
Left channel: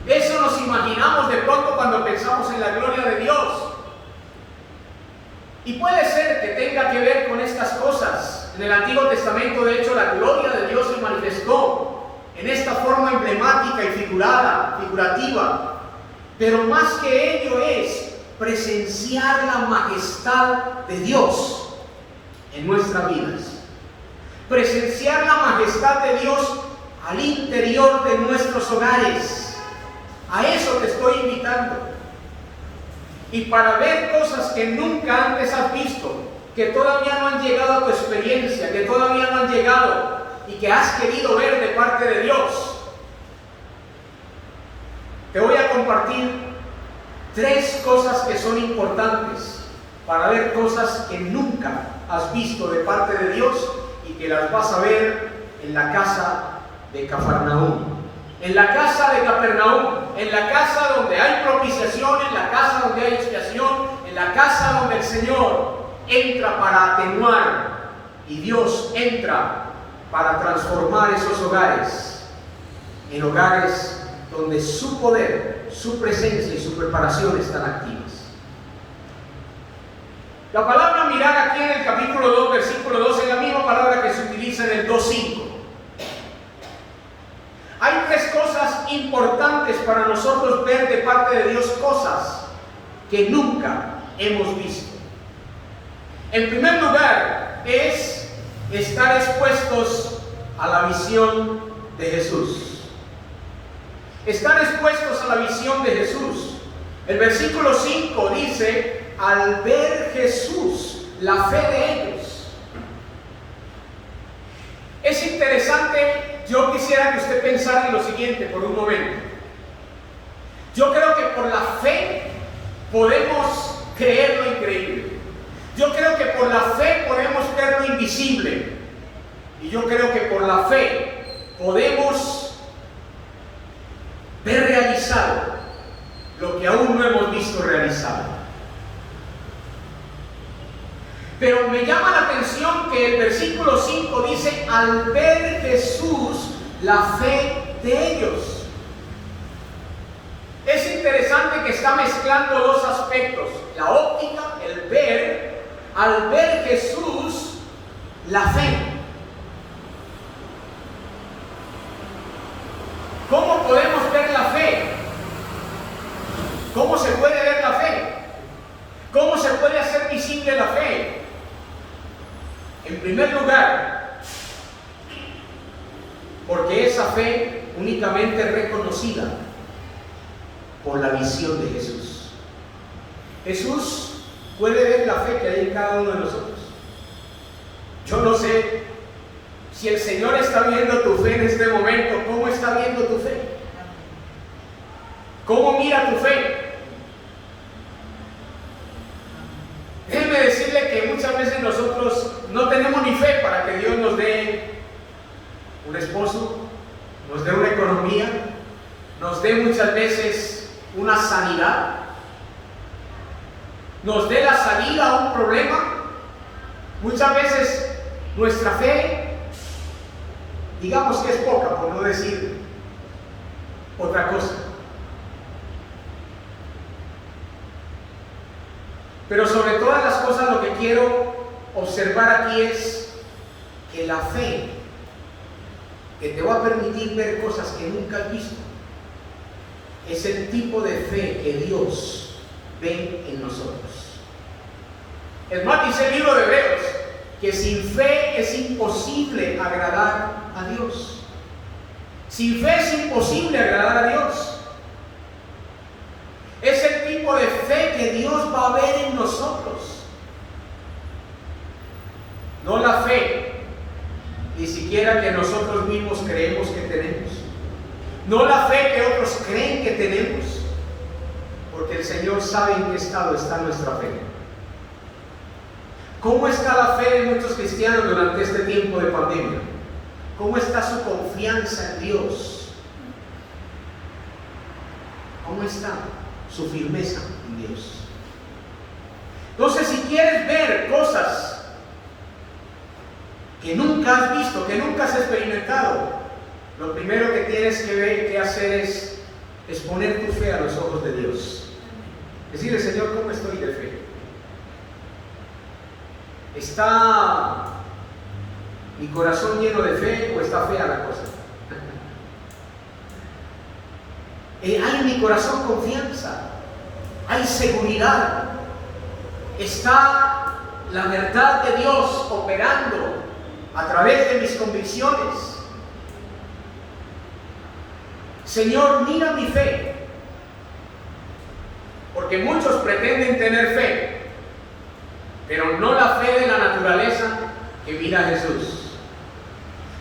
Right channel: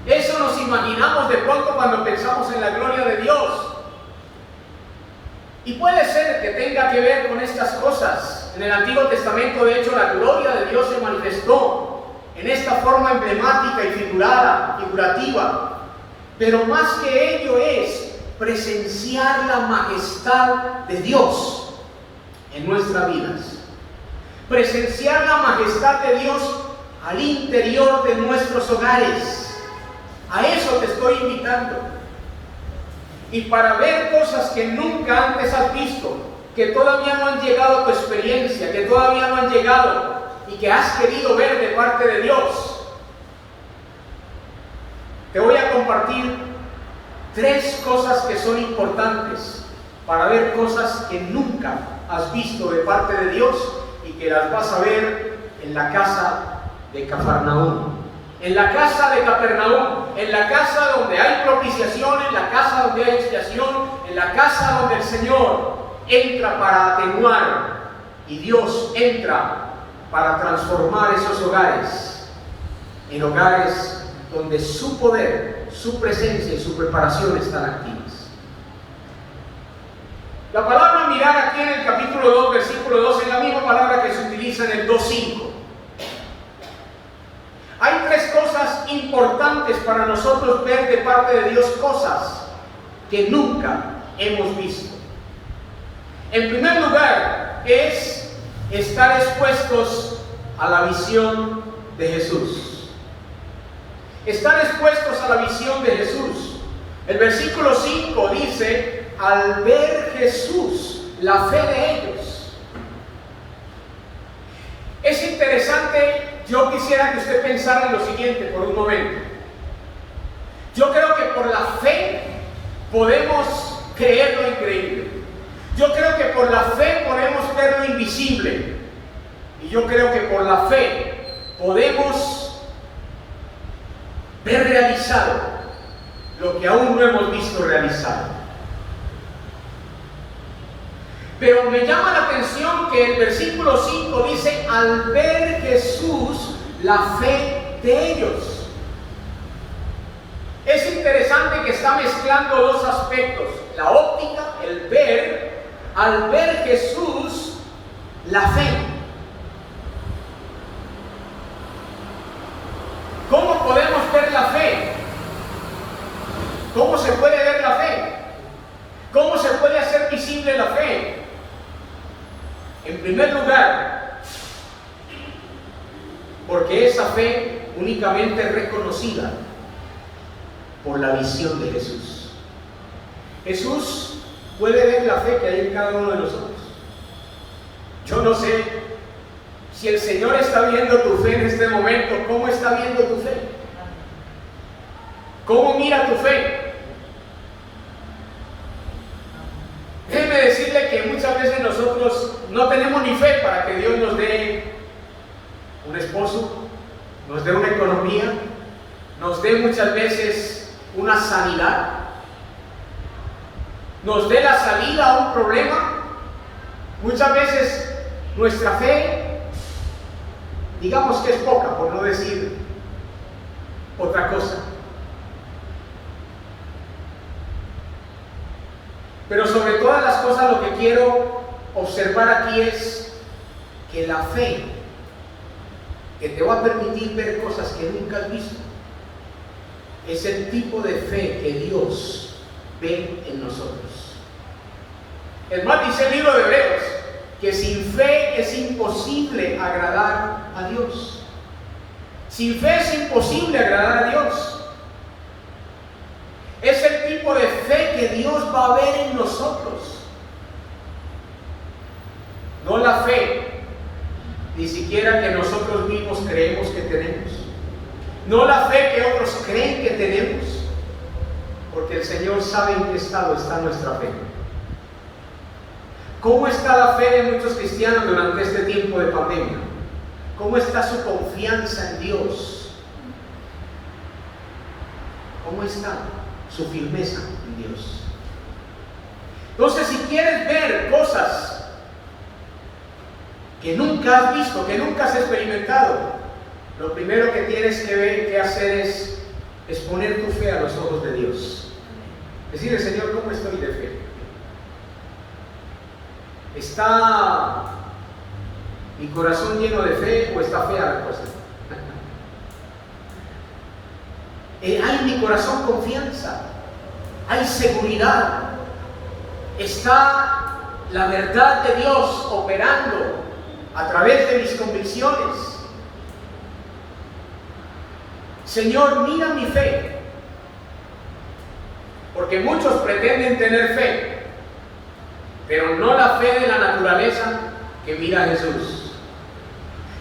Eso nos imaginamos de pronto cuando pensamos en la gloria de Dios. Y puede ser que tenga que ver con estas cosas. En el Antiguo Testamento, de hecho, la gloria de Dios se manifestó en esta forma emblemática y figurativa. Pero más que ello es presenciar la majestad de Dios en nuestras vidas. Presenciar la majestad de Dios al interior de nuestros hogares. A eso te estoy invitando. Y para ver cosas que nunca antes has visto, que todavía no han llegado a tu experiencia, que todavía no han llegado y que has querido ver de parte de Dios, te voy a compartir 3 cosas que son importantes para ver cosas que nunca has visto de parte de Dios y que las vas a ver en la casa de Cafarnaúm. En la casa de Capernaúm, en la casa donde hay propiciación, en la casa donde hay expiación, en la casa donde el Señor entra para atenuar y Dios entra para transformar esos hogares en hogares donde su poder, su presencia y su preparación están activas. La palabra mirar aquí en el capítulo 2, versículo 2, es la misma palabra que se utiliza en el 2:5. Hay 3 cosas importantes para nosotros ver de parte de Dios, cosas que nunca hemos visto. En primer lugar, es estar expuestos a la visión de Jesús. Estar expuestos a la visión de Jesús. El versículo 5 dice: al ver Jesús, la fe de ellos. Es interesante, yo quisiera que usted pensara en lo siguiente por un momento. Yo creo que por la fe podemos creer lo increíble. Yo creo que por la fe podemos ver lo invisible. Y yo creo que por la fe podemos ver realizado lo que aún no hemos visto realizado. Pero me llama la atención que el versículo 5 dice: al ver Jesús, la fe de ellos. Es interesante que está mezclando 2 aspectos: la óptica, el ver. Al ver Jesús, la fe. ¿Cómo podemos ver la fe? ¿Cómo se puede ver la fe? ¿Cómo se puede hacer visible la fe? En primer lugar, porque esa fe únicamente es reconocida por la visión de Jesús. Jesús puede ver la fe que hay en cada uno de nosotros. Yo no sé si el Señor está viendo tu fe en este momento. ¿Cómo está viendo tu fe? ¿Cómo mira tu fe? Déjeme decirle que muchas veces nosotros no tenemos ni fe para que Dios nos dé un esposo, nos dé una economía, nos dé muchas veces una sanidad, nos dé la salida a un problema. Muchas veces nuestra fe, digamos que es poca, por no decir otra cosa. Pero sobre todas las cosas, lo que quiero observar aquí es que la fe que te va a permitir ver cosas que nunca has visto. Es el tipo de fe que Dios ve en nosotros. Es más, dice el libro de Hebreos que sin fe es imposible agradar a Dios. Sin fe es imposible agradar a Dios. Es el tipo de fe que Dios va a ver en nosotros. No la fe, ni siquiera que nosotros mismos creemos que tenemos. No la fe que otros creen que tenemos. Porque el Señor sabe en qué estado está nuestra fe. ¿Cómo está la fe de muchos cristianos durante este tiempo de pandemia? ¿Cómo está su confianza en Dios? ¿Cómo está su firmeza en Dios? Entonces, si quieres ver cosas que nunca has visto, que nunca has experimentado, lo primero que tienes que hacer es poner tu fe a los ojos de Dios. Decirle: Señor, ¿cómo estoy de fe? ¿Está mi corazón lleno de fe o está fea la cosa? ¿Hay en mi corazón confianza? ¿Hay seguridad? ¿Está la verdad de Dios operando a través de mis convicciones? Señor, mira mi fe. Porque muchos pretenden tener fe, pero no la fe de la naturaleza que mira a Jesús.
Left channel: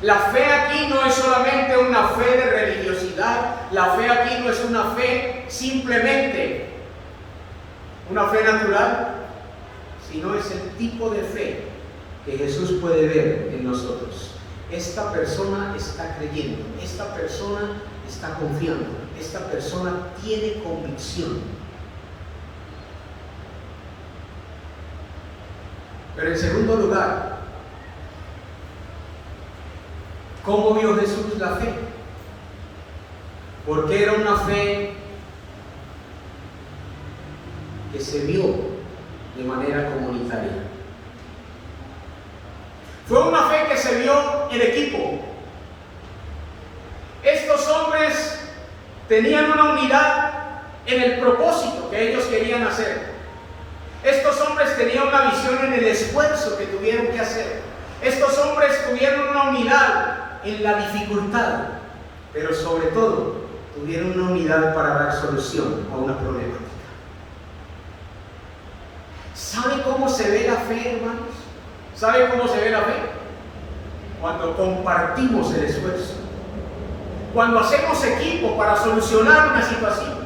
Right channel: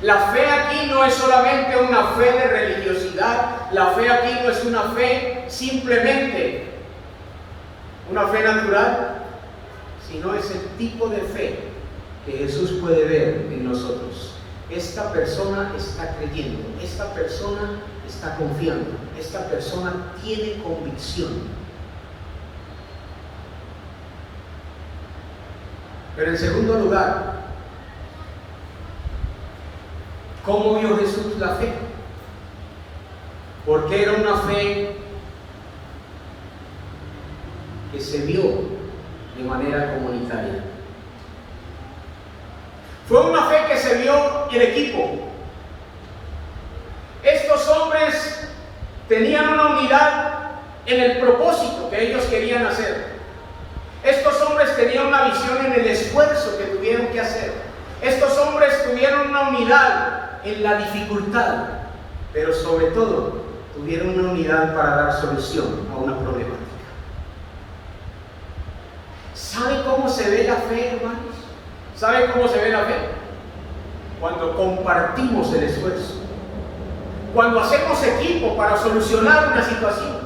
La fe aquí no es solamente una fe de religiosidad. La fe aquí no es una fe simplemente una fe natural, sino es el tipo de fe que Jesús puede ver en nosotros. Esta persona está creyendo, esta persona está confiando, esta persona tiene convicción. Pero en segundo lugar, ¿cómo vio Jesús la fe? Porque era una fe que se vio de manera comunitaria. Fue una fe que se vio en equipo. Estos hombres tenían una unidad en el propósito que ellos querían hacer. Estos hombres tenían una visión en el esfuerzo que tuvieron que hacer. Estos hombres tuvieron una unidad en la dificultad, pero sobre todo tuvieron una unidad para dar solución a una problemática. ¿Sabe cómo se ve la fe, hermanos? ¿Sabe cómo se ve la fe? Cuando compartimos el esfuerzo. Cuando hacemos equipo para solucionar una situación.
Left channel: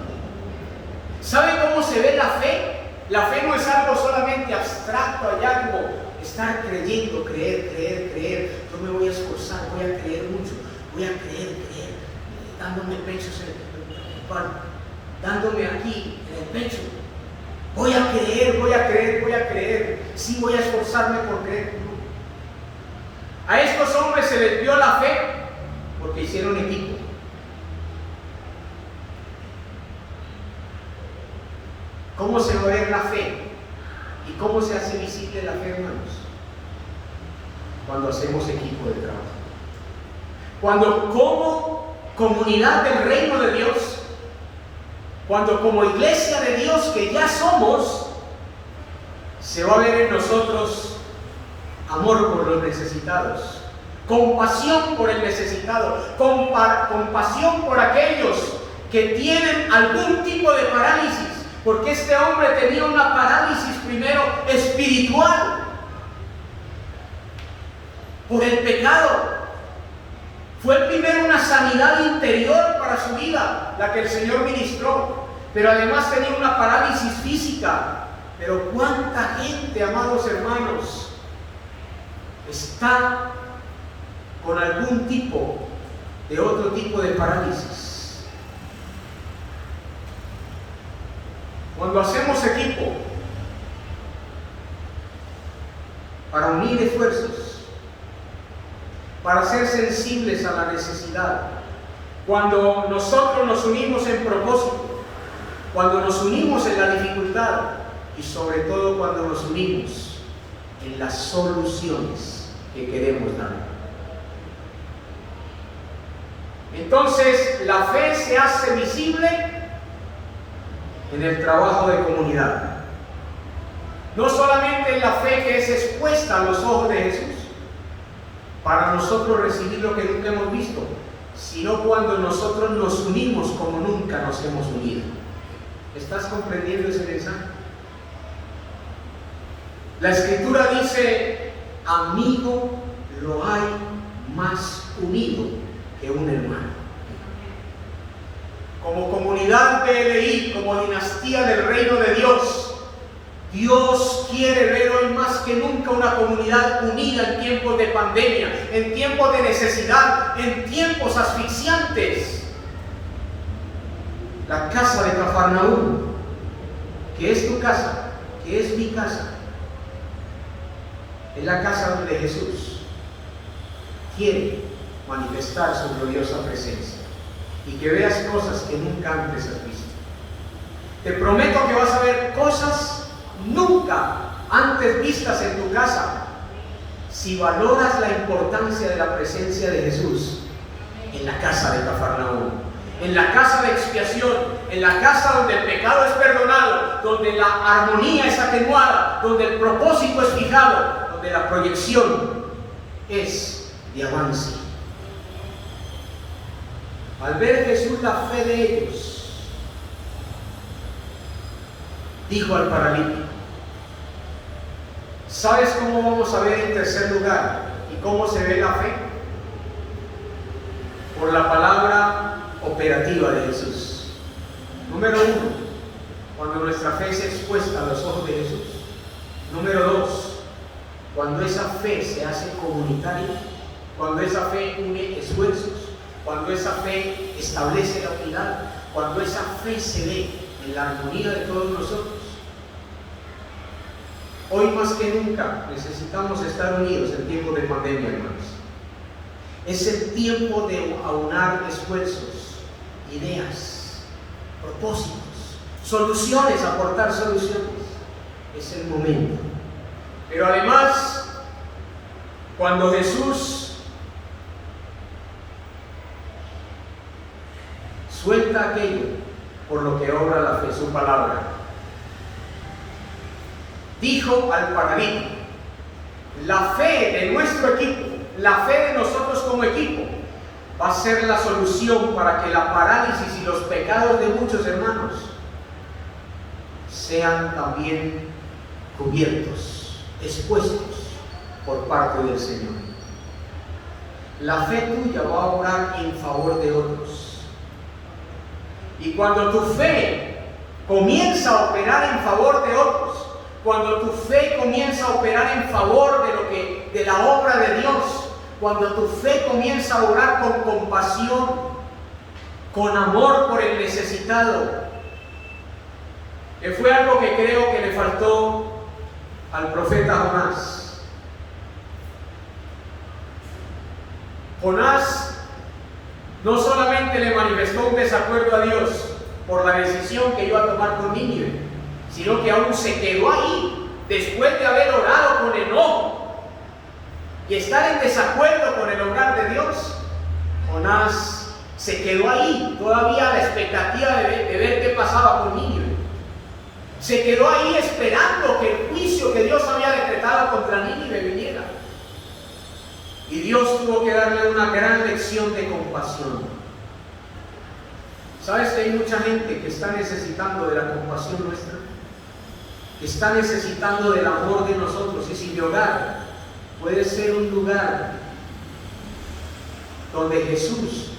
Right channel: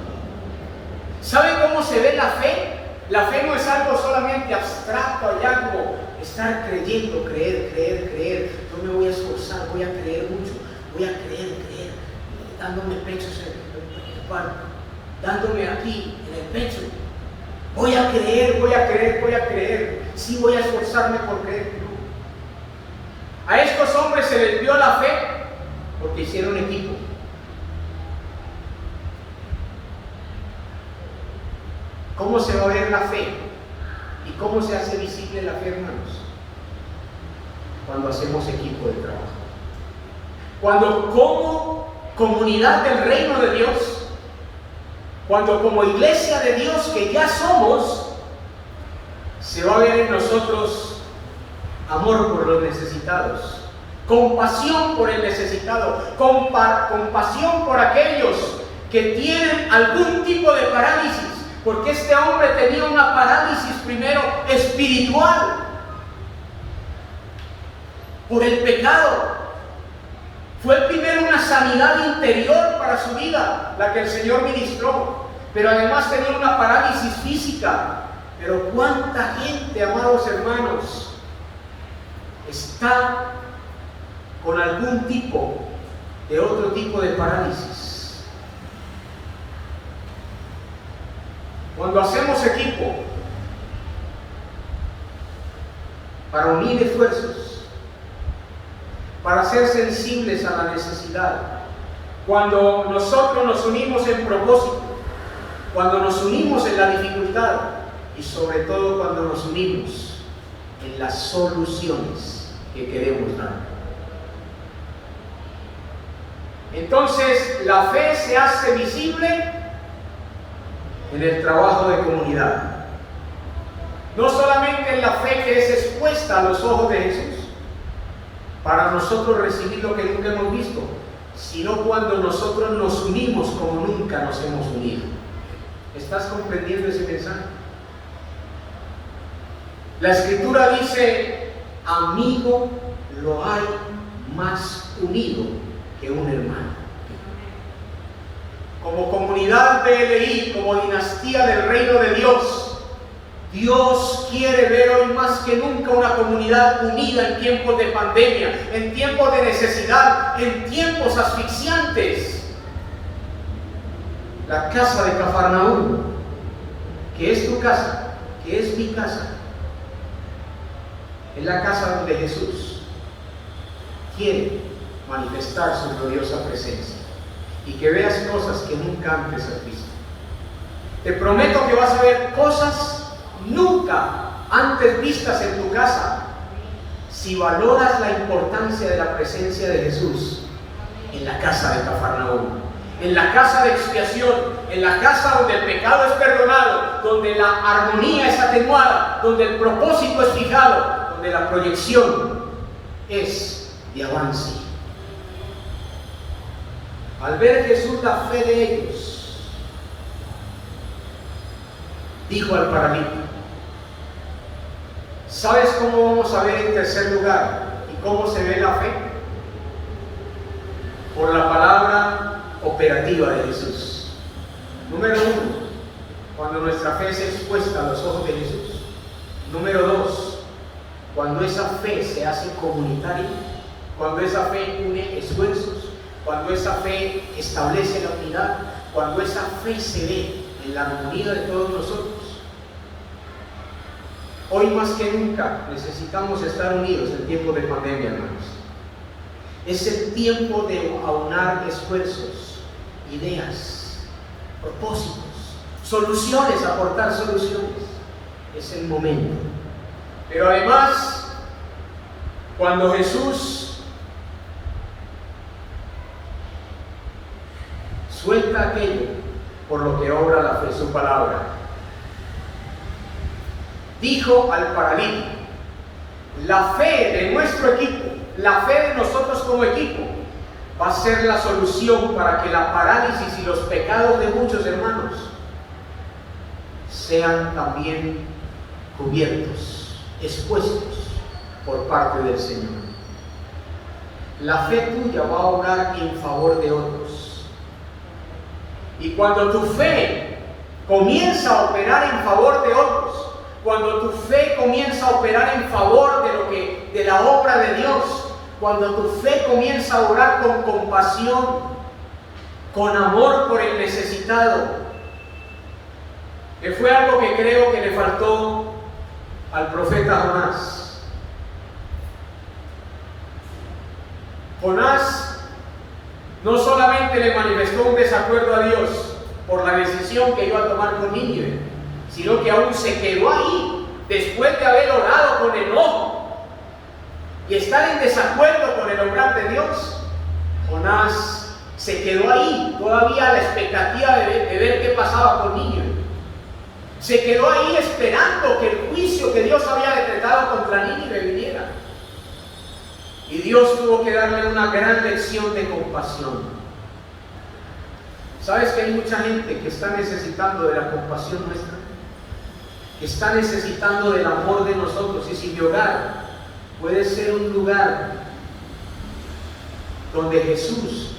¿Sabe cómo se ve la fe? La fe no es algo solamente abstracto, allá como estar creyendo, creer. Yo me voy a esforzar, voy a creer mucho, voy a creer, dándome pechos en el pan, dándome aquí en el pecho. Voy a creer. Sí, voy a esforzarme por creer. A estos hombres se les vio la fe porque hicieron equipo. ¿Cómo se va a ver la fe? ¿Y cómo se hace visible la fe, hermanos? Cuando hacemos equipo de trabajo. Cuando como comunidad del reino de Dios, cuando como iglesia de Dios que ya somos, se va a ver en nosotros amor por los necesitados, compasión por el necesitado, compasión por aquellos que tienen algún tipo de parálisis. Porque este hombre tenía una parálisis primero espiritual por el pecado. Fue primero una sanidad interior para su vida, la que el Señor ministró, pero además tenía una parálisis física. Pero cuánta gente, amados hermanos, está con algún tipo de otro tipo de parálisis. Cuando hacemos equipo para unir esfuerzos, para ser sensibles a la necesidad, cuando nosotros nos unimos en propósito, cuando nos unimos en la dificultad y sobre todo cuando nos unimos en las soluciones que queremos dar. Entonces, la fe se hace visible en el trabajo de comunidad. No solamente en la fe que es expuesta a los ojos de Jesús, para nosotros recibir lo que nunca hemos visto, sino cuando nosotros nos unimos como nunca nos hemos unido. ¿Estás comprendiendo ese mensaje? La Escritura dice: amigo lo hay más unido que un hermano. Como comunidad BLI, como dinastía del reino de Dios, Dios quiere ver hoy más que nunca una comunidad unida en tiempos de pandemia, en tiempos de necesidad, en tiempos asfixiantes. La casa de Cafarnaúm, que es tu casa, que es mi casa, es la casa donde Jesús quiere manifestar su gloriosa presencia y que veas cosas que nunca antes has visto. Te prometo que vas a ver cosas nunca antes vistas en tu casa si valoras la importancia de la presencia de Jesús en la casa de Cafarnaúm, en la casa de expiación, en la casa donde el pecado es perdonado, donde la armonía es atenuada, donde el propósito es fijado, donde la proyección es de avance. Al ver Jesús la fe de ellos, dijo al paralítico: ¿sabes cómo vamos a ver en tercer lugar y cómo se ve la fe? Por la palabra operativa de Jesús. Número 1, cuando nuestra fe es expuesta a los ojos de Jesús. Número 2, cuando esa fe se hace comunitaria, cuando esa fe une esfuerzos, cuando esa fe establece la unidad, cuando esa fe se ve en la armonía de todos nosotros. Hoy más que nunca necesitamos estar unidos en tiempos de pandemia, hermanos. Es el tiempo de aunar esfuerzos, ideas, propósitos, soluciones, aportar soluciones. Es el momento. Pero además, cuando Jesús suelta aquello por lo que obra la fe, su palabra, dijo al paralítico: la fe de nuestro equipo, la fe de nosotros como equipo, va a ser la solución para que la parálisis y los pecados de muchos hermanos sean también cubiertos, expuestos por parte del Señor. La fe tuya va a obrar en favor de otros. Y cuando tu fe comienza a operar en favor de otros, cuando tu fe comienza a operar en favor de la obra de Dios, cuando tu fe comienza a obrar con compasión, con amor por el necesitado, que fue algo que creo que le faltó al profeta Jonás. Jonás no solamente le manifestó un desacuerdo a Dios por la decisión que iba a tomar con Nínive, sino que aún se quedó ahí después de haber orado con enojo y estar en desacuerdo con el obrar de Dios. Jonás se quedó ahí todavía a la expectativa de ver qué pasaba con Nínive. Se quedó ahí esperando que el juicio que Dios había decretado contra Nínive viniera. Y Dios tuvo que darle una gran lección de compasión. ¿Sabes que hay mucha gente que está necesitando de la compasión nuestra? Que está necesitando del amor de nosotros. Y si mi hogar puede ser un lugar donde Jesús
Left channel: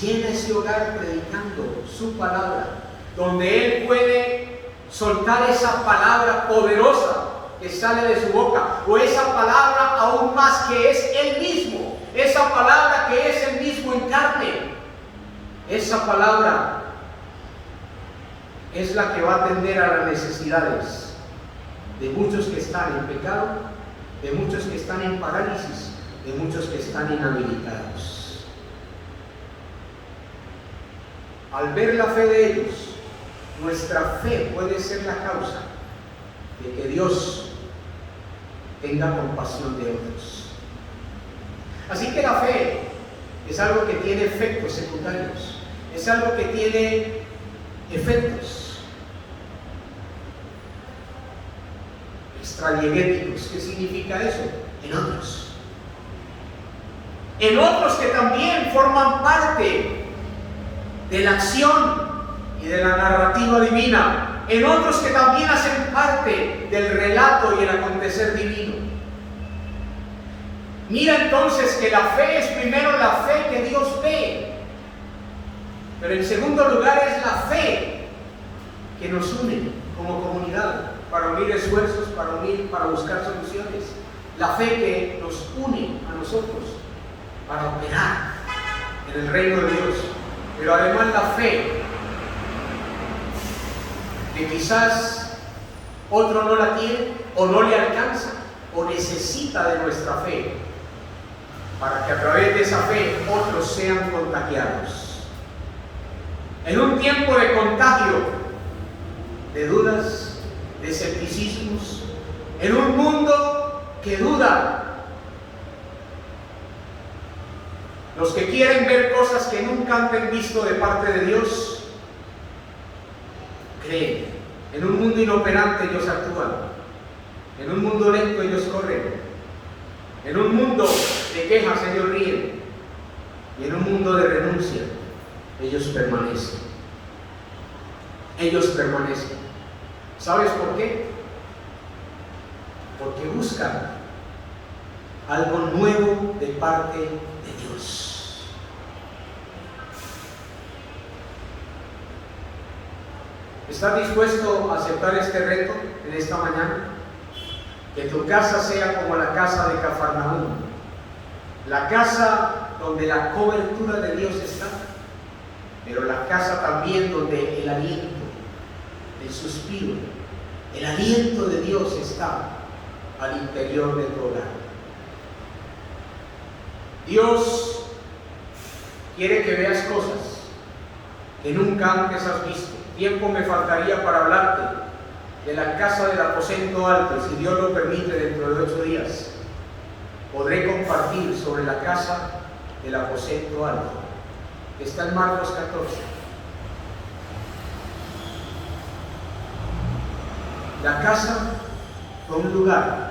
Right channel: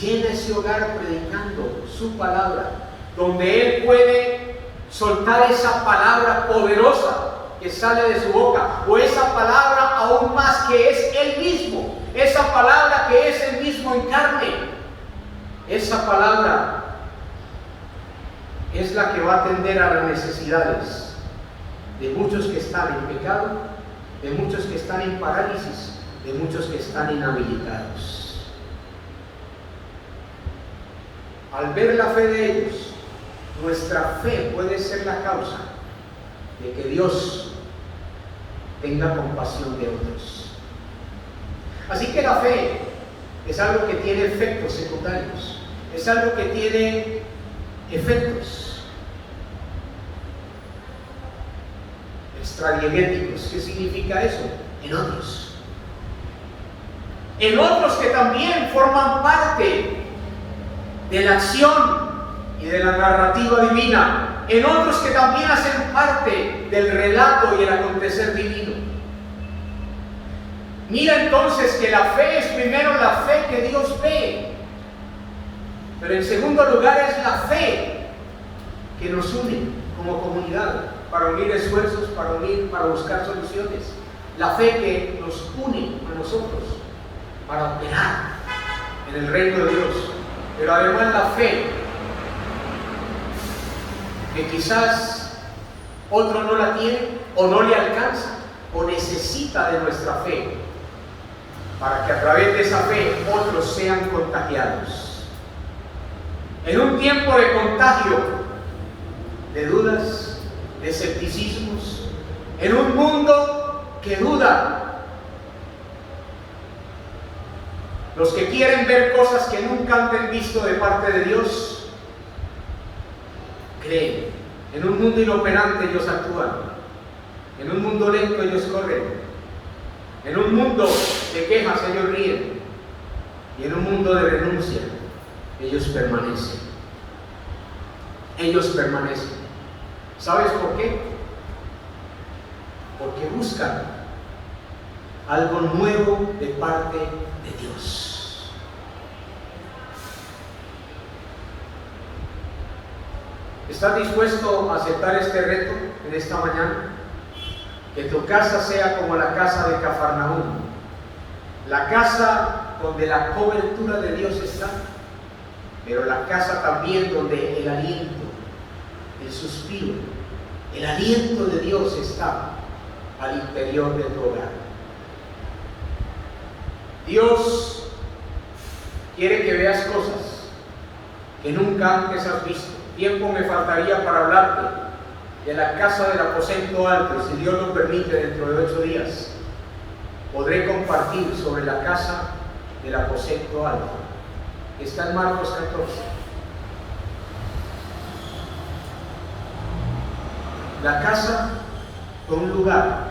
llena ese hogar predicando su palabra, donde Él puede soltar esa palabra poderosa que sale de su boca, o esa palabra aún más que es Él mismo, esa palabra que es Él mismo en carne, esa palabra es la que va a atender a las necesidades de muchos que están en pecado, de muchos que están en parálisis, de muchos que están inhabilitados. Al ver la fe de ellos, nuestra fe puede ser la causa de que Dios tenga compasión de otros. Así que la fe es algo que tiene efectos secundarios, es algo que tiene efectos extradiegéticos. ¿Qué significa eso? En otros. En otros que también forman parte de la acción y de la narrativa divina. En otros que también hacen parte del relato y el acontecer divino. Mira entonces que la fe es primero la fe que Dios ve, pero en segundo lugar es la fe que nos une como comunidad, para unir esfuerzos, para buscar soluciones. La fe que nos une a nosotros para operar en el reino de Dios, pero además la fe que quizás otro no la tiene o no le alcanza o necesita de nuestra fe, para que a través de esa fe otros sean contagiados. En un tiempo de contagio, de dudas, de escepticismos, en un mundo que duda, los que quieren ver cosas que nunca han visto de parte de Dios, creen. En un mundo inoperante ellos actúan. En un mundo lento ellos corren. En un mundo de quejas ellos ríen. Y en un mundo de renuncia ellos permanecen. Ellos permanecen. ¿Sabes por qué? Porque buscan algo nuevo de parte de Dios. ¿Estás dispuesto a aceptar este reto en esta mañana? Que tu casa sea como la casa de Cafarnaúm, la casa donde la cobertura de Dios está, pero la casa también donde el aliento, el suspiro, el aliento de Dios está al interior de tu hogar. Dios quiere que veas cosas que nunca antes has visto. Tiempo me faltaría para hablarte de la casa del aposento alto. Si Dios lo permite, dentro de 8 días podré compartir sobre la casa del aposento alto. Está en Marcos 14. La casa fue un lugar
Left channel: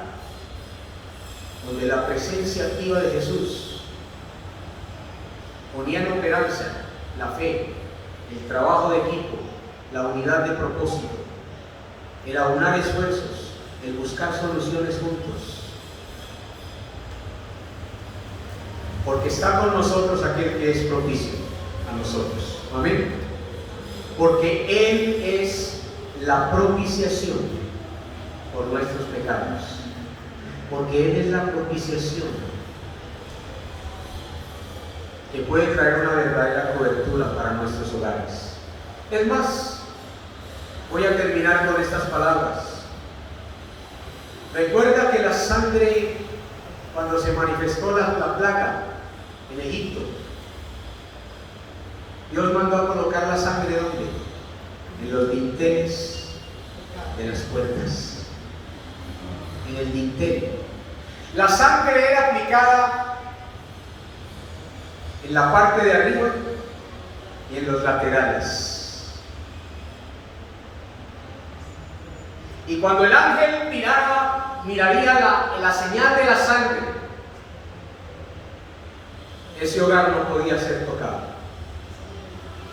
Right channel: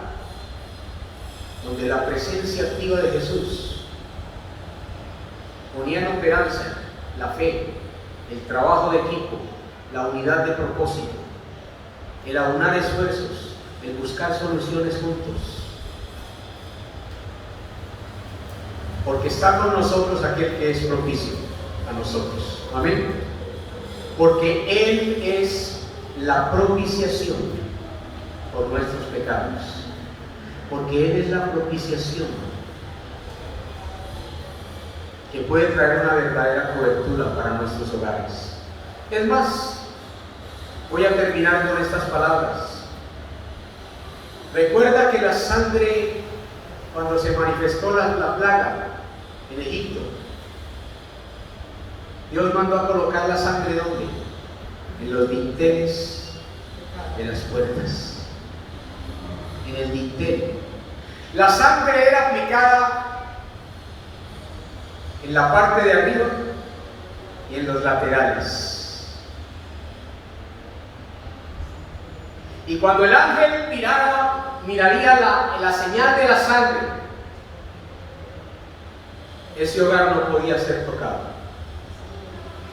donde la presencia activa de Jesús ponía en operancia la fe, el trabajo de equipo, la unidad de propósito, el aunar esfuerzos, el buscar soluciones juntos. Porque está con nosotros aquel que es propicio a nosotros. Amén. Porque Él es la propiciación por nuestros pecados. Porque Él es la propiciación que puede traer una verdadera cobertura para nuestros hogares. Es más, voy a terminar con estas palabras. Recuerda que la sangre, cuando se manifestó la plaga en Egipto, Dios mandó a colocar la sangre ¿dónde? En los dinteles de las puertas. En el dintel. La sangre era aplicada en la parte de arriba y en los laterales. Y cuando el ángel miraría la señal de la sangre, ese hogar no podía ser tocado.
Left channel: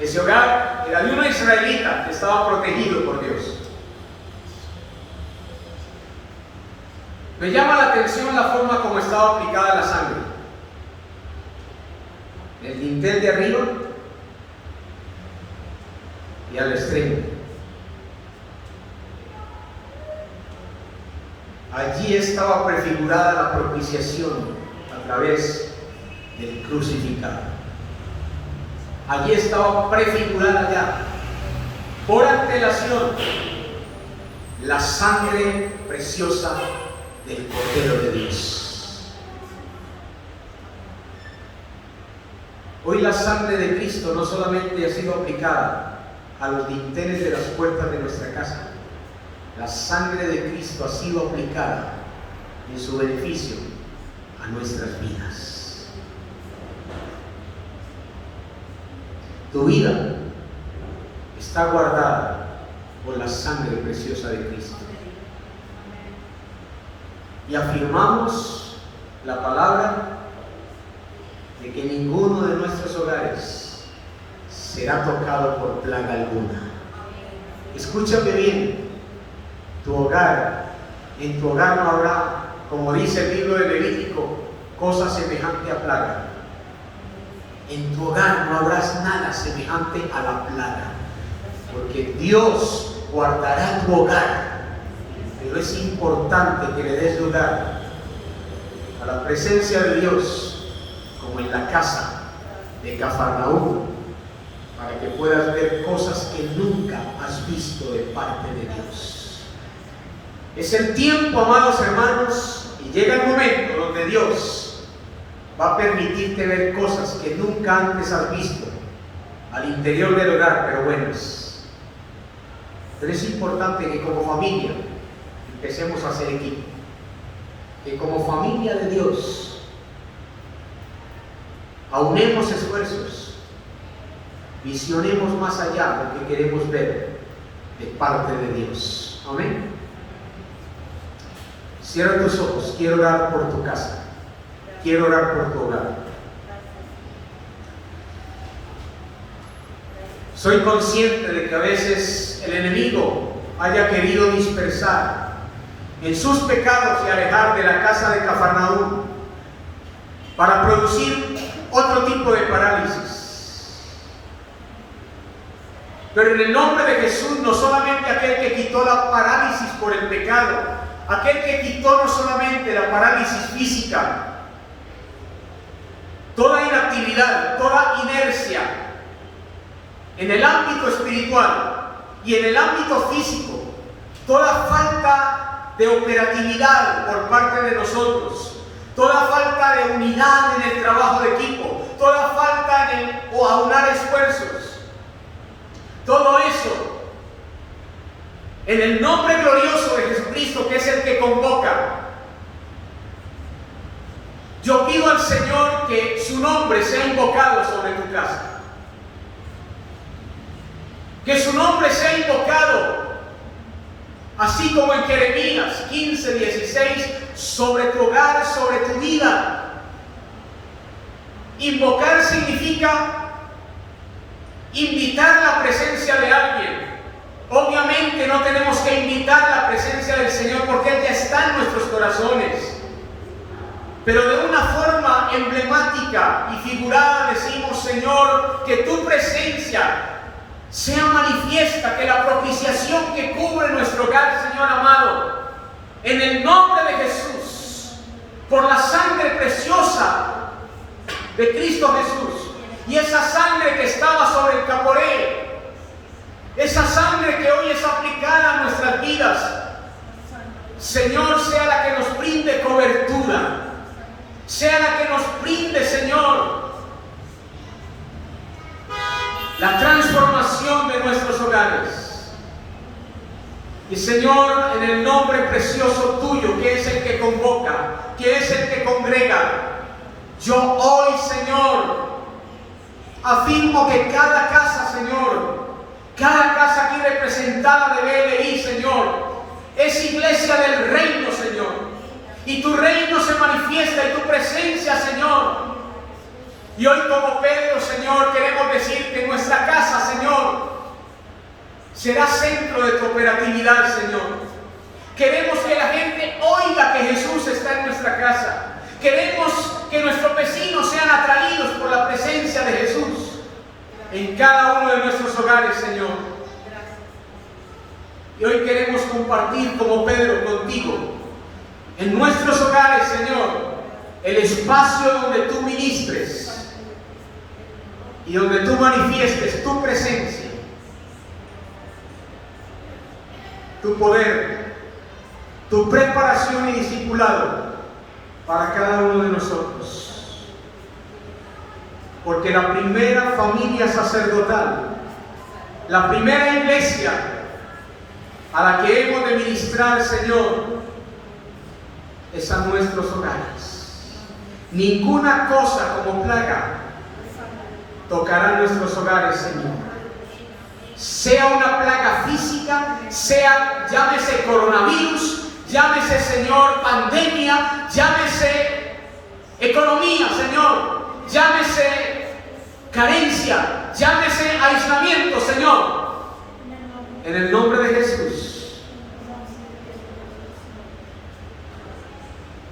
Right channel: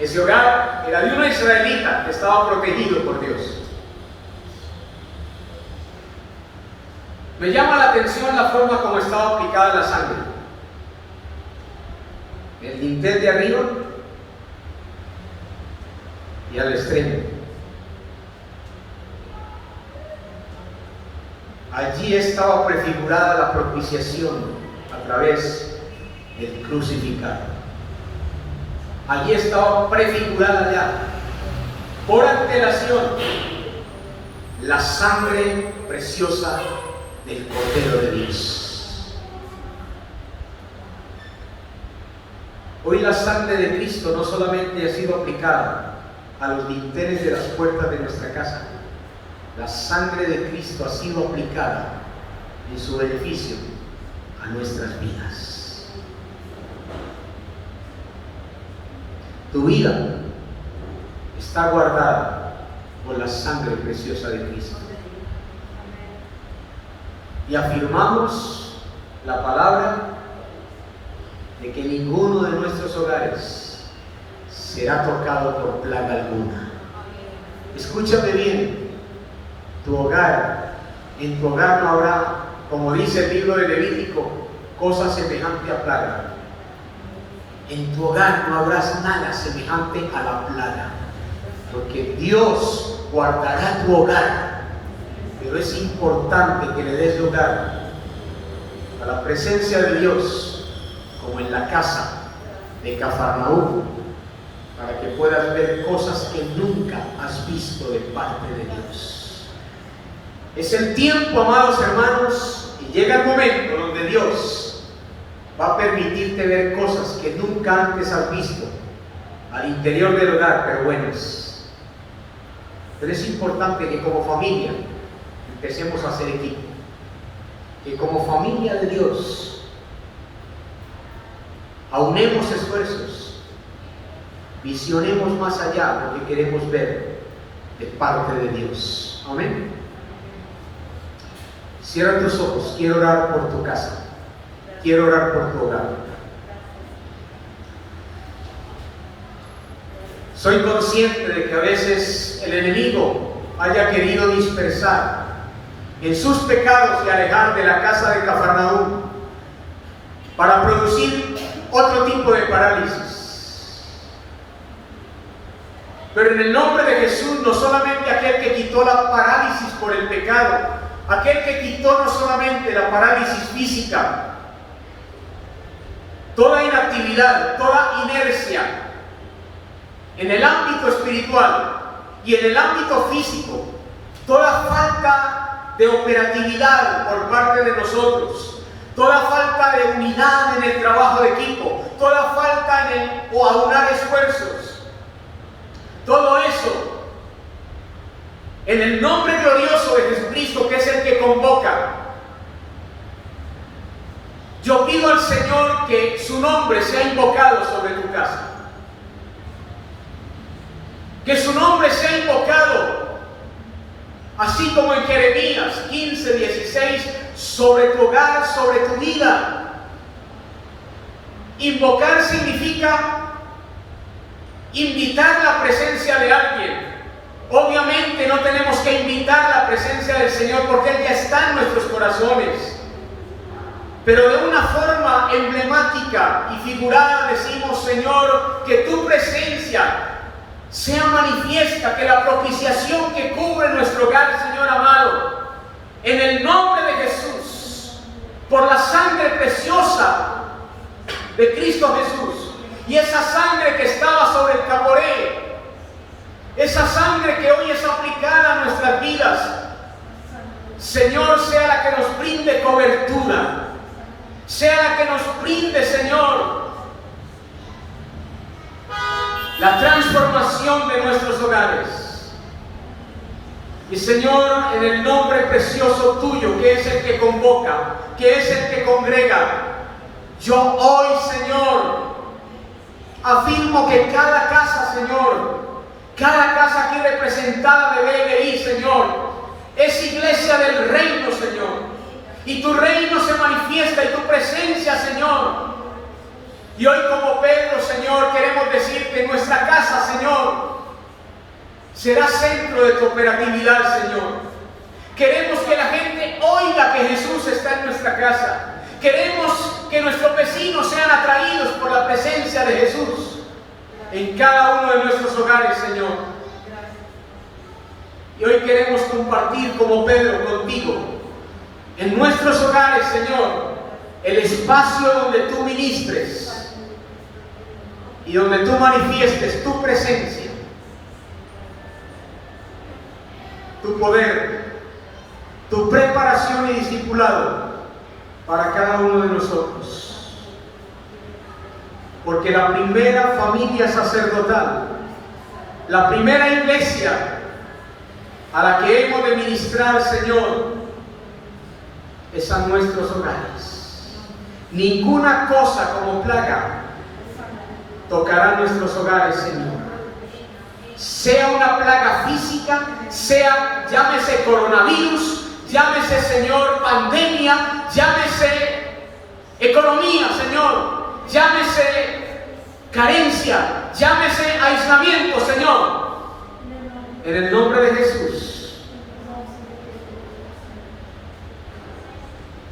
Ese hogar era de una israelita que estaba protegido por Dios. Me llama la atención la forma como estaba aplicada la sangre. El dintel de arriba y al extremo. Allí estaba prefigurada la propiciación a través del crucificado. Allí estaba prefigurada ya, por antelación, la sangre preciosa del Cordero de Dios. Hoy la sangre de Cristo no solamente ha sido aplicada a los dinteles de las puertas de nuestra casa, la sangre de Cristo ha sido aplicada en su beneficio a nuestras vidas. Tu vida está guardada por la sangre preciosa de Cristo. Y afirmamos la palabra de que ninguno de nuestros hogares será tocado por plaga alguna. Escúchame bien, en tu hogar no habrá, como dice el libro de Levítico, cosa semejante a plaga. En tu hogar no habrá nada semejante a la plaga, porque Dios guardará tu hogar. Pero es importante que le des lugar a la presencia de Dios, como en la casa de Cafarnaúm, para que puedas ver cosas que nunca has visto de parte de Dios. Es el tiempo, amados hermanos, y llega el momento donde Dios va a permitirte ver cosas que nunca antes has visto al interior del hogar, pero buenas. Pero es importante que como familia empecemos a hacer equipo, que como familia de Dios aunemos esfuerzos, visionemos más allá lo que queremos ver de parte de Dios. Amén. Cierra tus ojos. Quiero orar por tu casa, quiero orar por tu hogar. Soy consciente de que a veces el enemigo haya querido dispersar en sus pecados y alejar de la casa de Cafarnaúm para producir otro tipo de parálisis. Pero en el nombre de Jesús, no solamente aquel que quitó la parálisis por el pecado, aquel que quitó no solamente la parálisis física, toda inactividad, toda inercia en el ámbito espiritual y en el ámbito físico, toda falta de operatividad por parte de nosotros, toda falta de unidad en el trabajo de equipo, toda falta en el aunar esfuerzos, todo eso en el nombre glorioso de Jesucristo, que es el que convoca. Yo pido al Señor que su nombre sea invocado sobre tu casa, que su nombre sea invocado, así como en Jeremías 15:16, sobre tu hogar, sobre tu vida. Invocar significa invitar la presencia de alguien. Obviamente no tenemos que invitar la presencia del Señor porque Él ya está en nuestros corazones. Pero de una forma emblemática y figurada decimos: Señor, que tu presencia sea manifiesta, que la propiciación que cubre nuestro hogar, Señor amado, en el nombre de Jesús, por la sangre preciosa de Cristo Jesús, y esa sangre que estaba sobre el Caporé, esa sangre que hoy es aplicada a nuestras vidas, Señor, sea la que nos brinde cobertura, sea la que nos brinde, Señor, la transformación de nuestros hogares. Y Señor, en el nombre precioso tuyo, que es el que convoca, que es el que congrega, yo hoy, Señor, afirmo que cada casa, Señor, cada casa aquí representada de BLI, Señor, es iglesia del reino, Señor. Y tu reino se manifiesta y tu presencia, Señor. Y hoy como Pedro, Señor, queremos decir que nuestra casa, Señor, será centro de tu operatividad, Señor. Queremos que la gente oiga que Jesús está en nuestra casa. Queremos que nuestros vecinos sean atraídos por la presencia de Jesús en cada uno de nuestros hogares, Señor. Y hoy queremos compartir como Pedro contigo en nuestros hogares, Señor, el espacio donde tú ministres y donde tú manifiestes tu presencia, tu poder, tu preparación y discipulado para cada uno de nosotros. Porque la primera familia sacerdotal, la primera iglesia a la que hemos de ministrar, Señor, es a nuestros hogares. Ninguna cosa como plaga tocarán nuestros hogares, Señor. Sea una plaga física, sea, llámese coronavirus, llámese, Señor, pandemia, llámese economía, Señor, llámese carencia, llámese aislamiento, Señor. En el nombre de Jesús,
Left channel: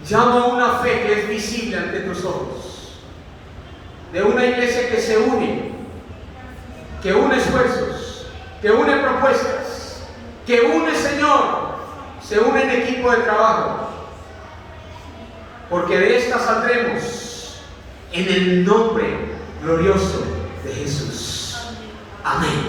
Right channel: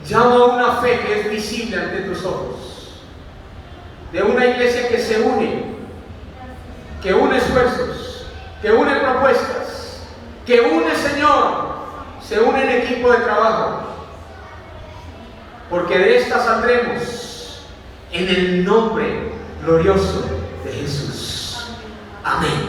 llamo a una fe que es visible ante tus ojos, de una iglesia que se une, que une esfuerzos, que une propuestas, que une, Señor, se une en equipo de trabajo, porque de esta saldremos en el nombre glorioso de Jesús. Amén.